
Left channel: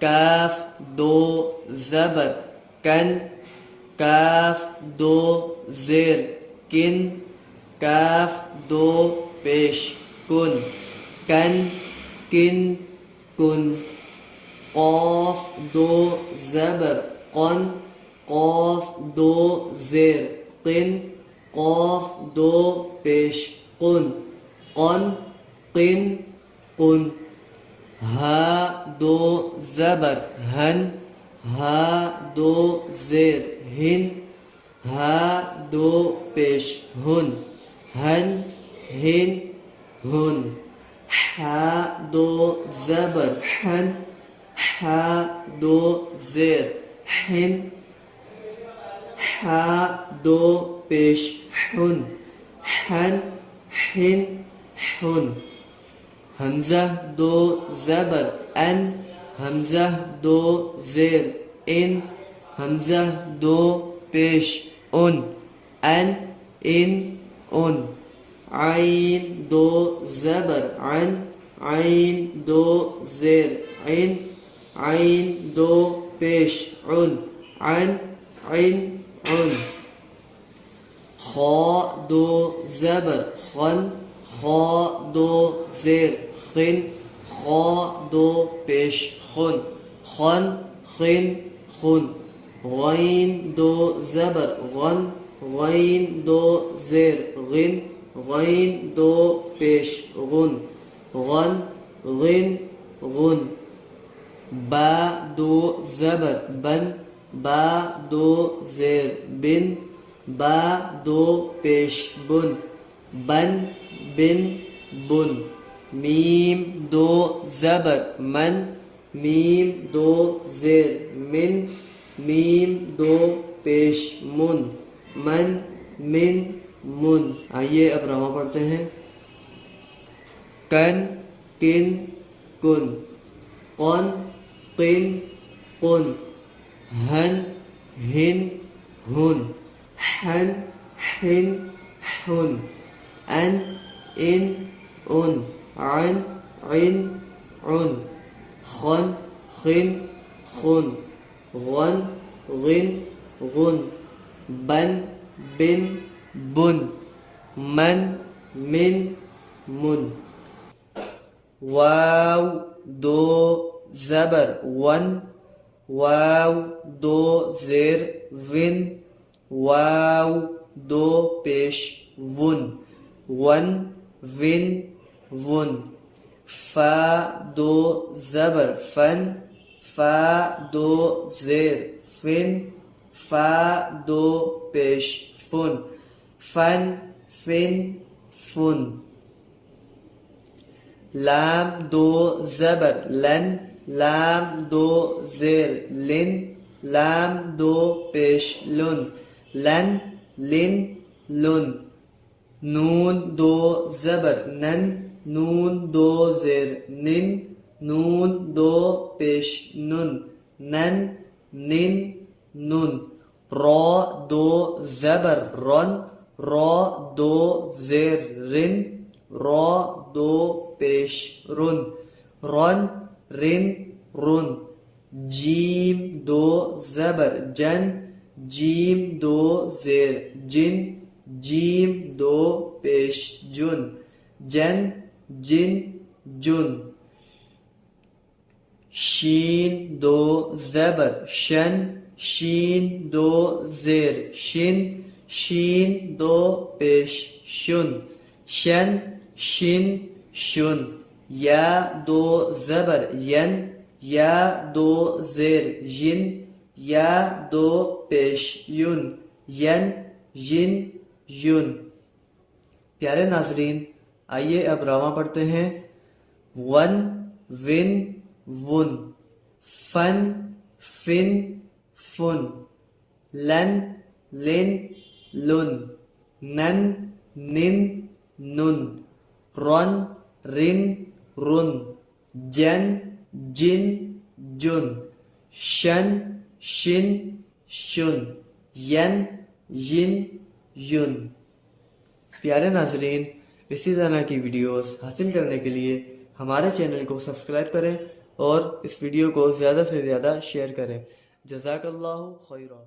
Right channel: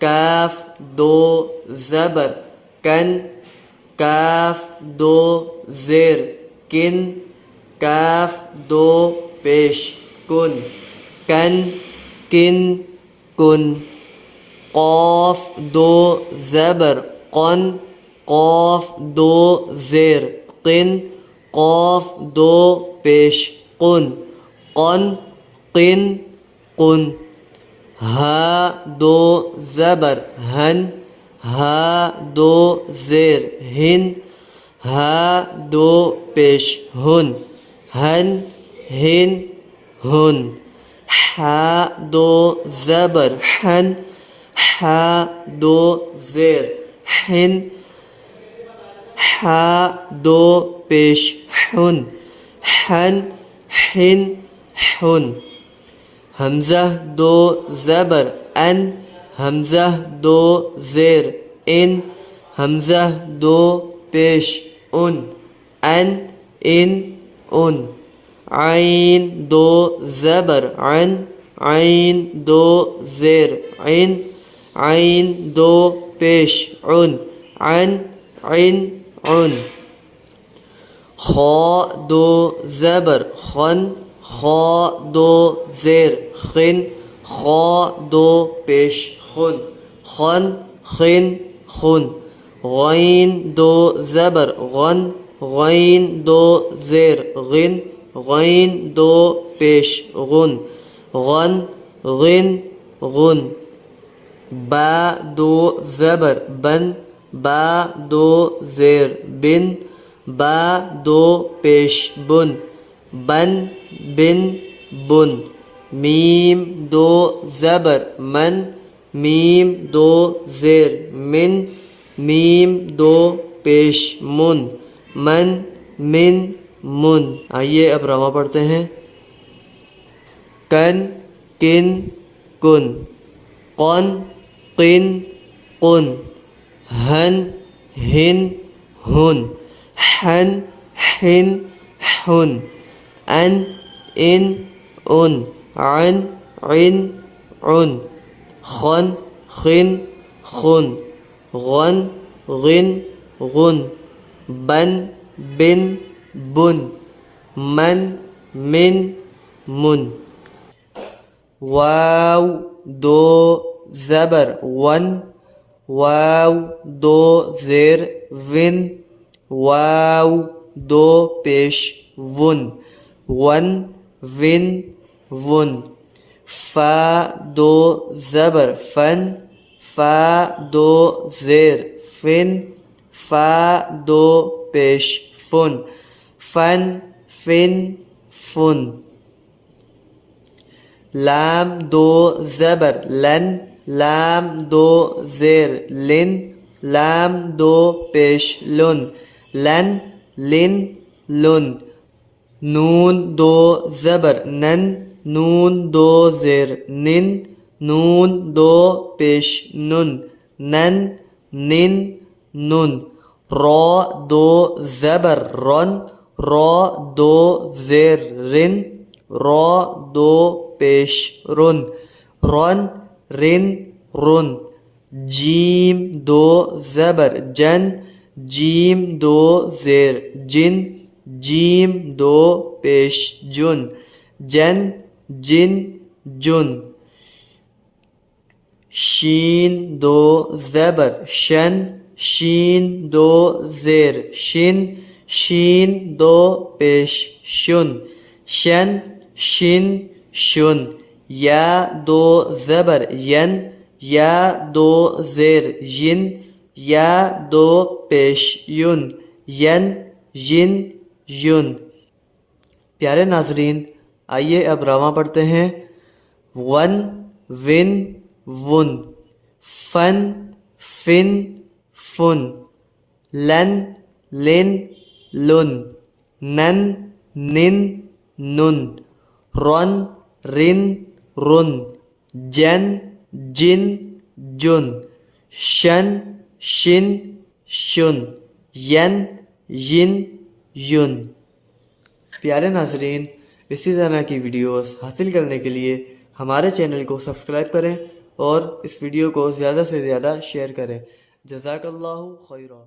काफ दो ज़बर कन काफ दो ज़ेर किन काफ दो पेश कुन कन किन कुन क़ाफ दो ज़बर क़न क़ाफ दो ज़ेर क़िन क़ाफ दो पेश कुन क़न क़िन कुन हा दो ज़बर हन हा दो ज़ेर हिन हा दो पेश हुन हन हिन हुन हा दो ज़बर हन हा दो ज़ेर हिन हा दो पेश हुन हन हिन हुन हमज़ा दो ज़बर अन हमज़ा दो ज़ेर इन हमज़ा दो पेश उन अन इन उन आइन दो ज़बर अन आइन दो ज़ेर इन आइन दो पेश उन अन इन उन खा दो ज़बर खन खा दो ज़ेर खिन खा दो पेश खुन खन खिन खुन गैन दो ज़बर गन गैन दो ज़ेर गिन गैन दो पेश गुन गन गिन गुन बा दो ज़बर बन बा दो ज़ेर बिन बा दो पेश बुन बन बिन बुन मीम दो ज़बर मन मीम दो ज़ेर मिन मीम दो पेश मुन मन मिन मुन। आइए अब रमा पढ़ते हैं। कन किन कुन कौन किन कुन हन हिन हुन हन हिन हुन अन इन उन अन इन उन खन खिन खुन गन गिन गुन बन बिन बुन मन मिन मुन वाव दो ज़बर वन वाव दो ज़ेर विन वाव दो पेश वुन वन विन वुन फा दो ज़बर फन फा दो ज़ेर फिन फा दो पेश फुन फन फिन फुन लाम दो ज़बर लन लाम दो ज़ेर लिन लाम दो पेश लुन लन लिन लुन नून दो ज़बर नन, नून दो ज़ेर निन, नून दो पेश नुन, नन निन नुन। रॉ दो ज़बर रन, रॉ दो ज़ेर रिन, रॉ दो पेश रुन, रन रिन रुन। जीम दो ज़बर जन, जीम दो ज़ेर जिन, जीम दो पेश जुन, जन जिन जुन। शीन दो ज़बर शन, शीन दो ज़ेर शिन, शीन दो पेश शुन, शन शिन शुन। या दो ज़बर यन, या दो ज़ेर यिन, या दो पेश युन, यन यिन युन। प्यारे नाजरीन, आइए अब रामा पढ़ते हैं। वन विन वुन, फन फिन फुन, लन लिन लुन, नन निन नुन, रन रिन रुन, जन जिन जुन, शन शिन शुन, यन यिन युन। प्यारे नाजरीन, इसी तरह की वीडियोस हासिल करने के लिए हमारे चैनल को सब्सक्राइब करें और इस वीडियो को ज़्यादा से ज़्यादा शेयर करें। जज़ाकल्लाहु खैरा।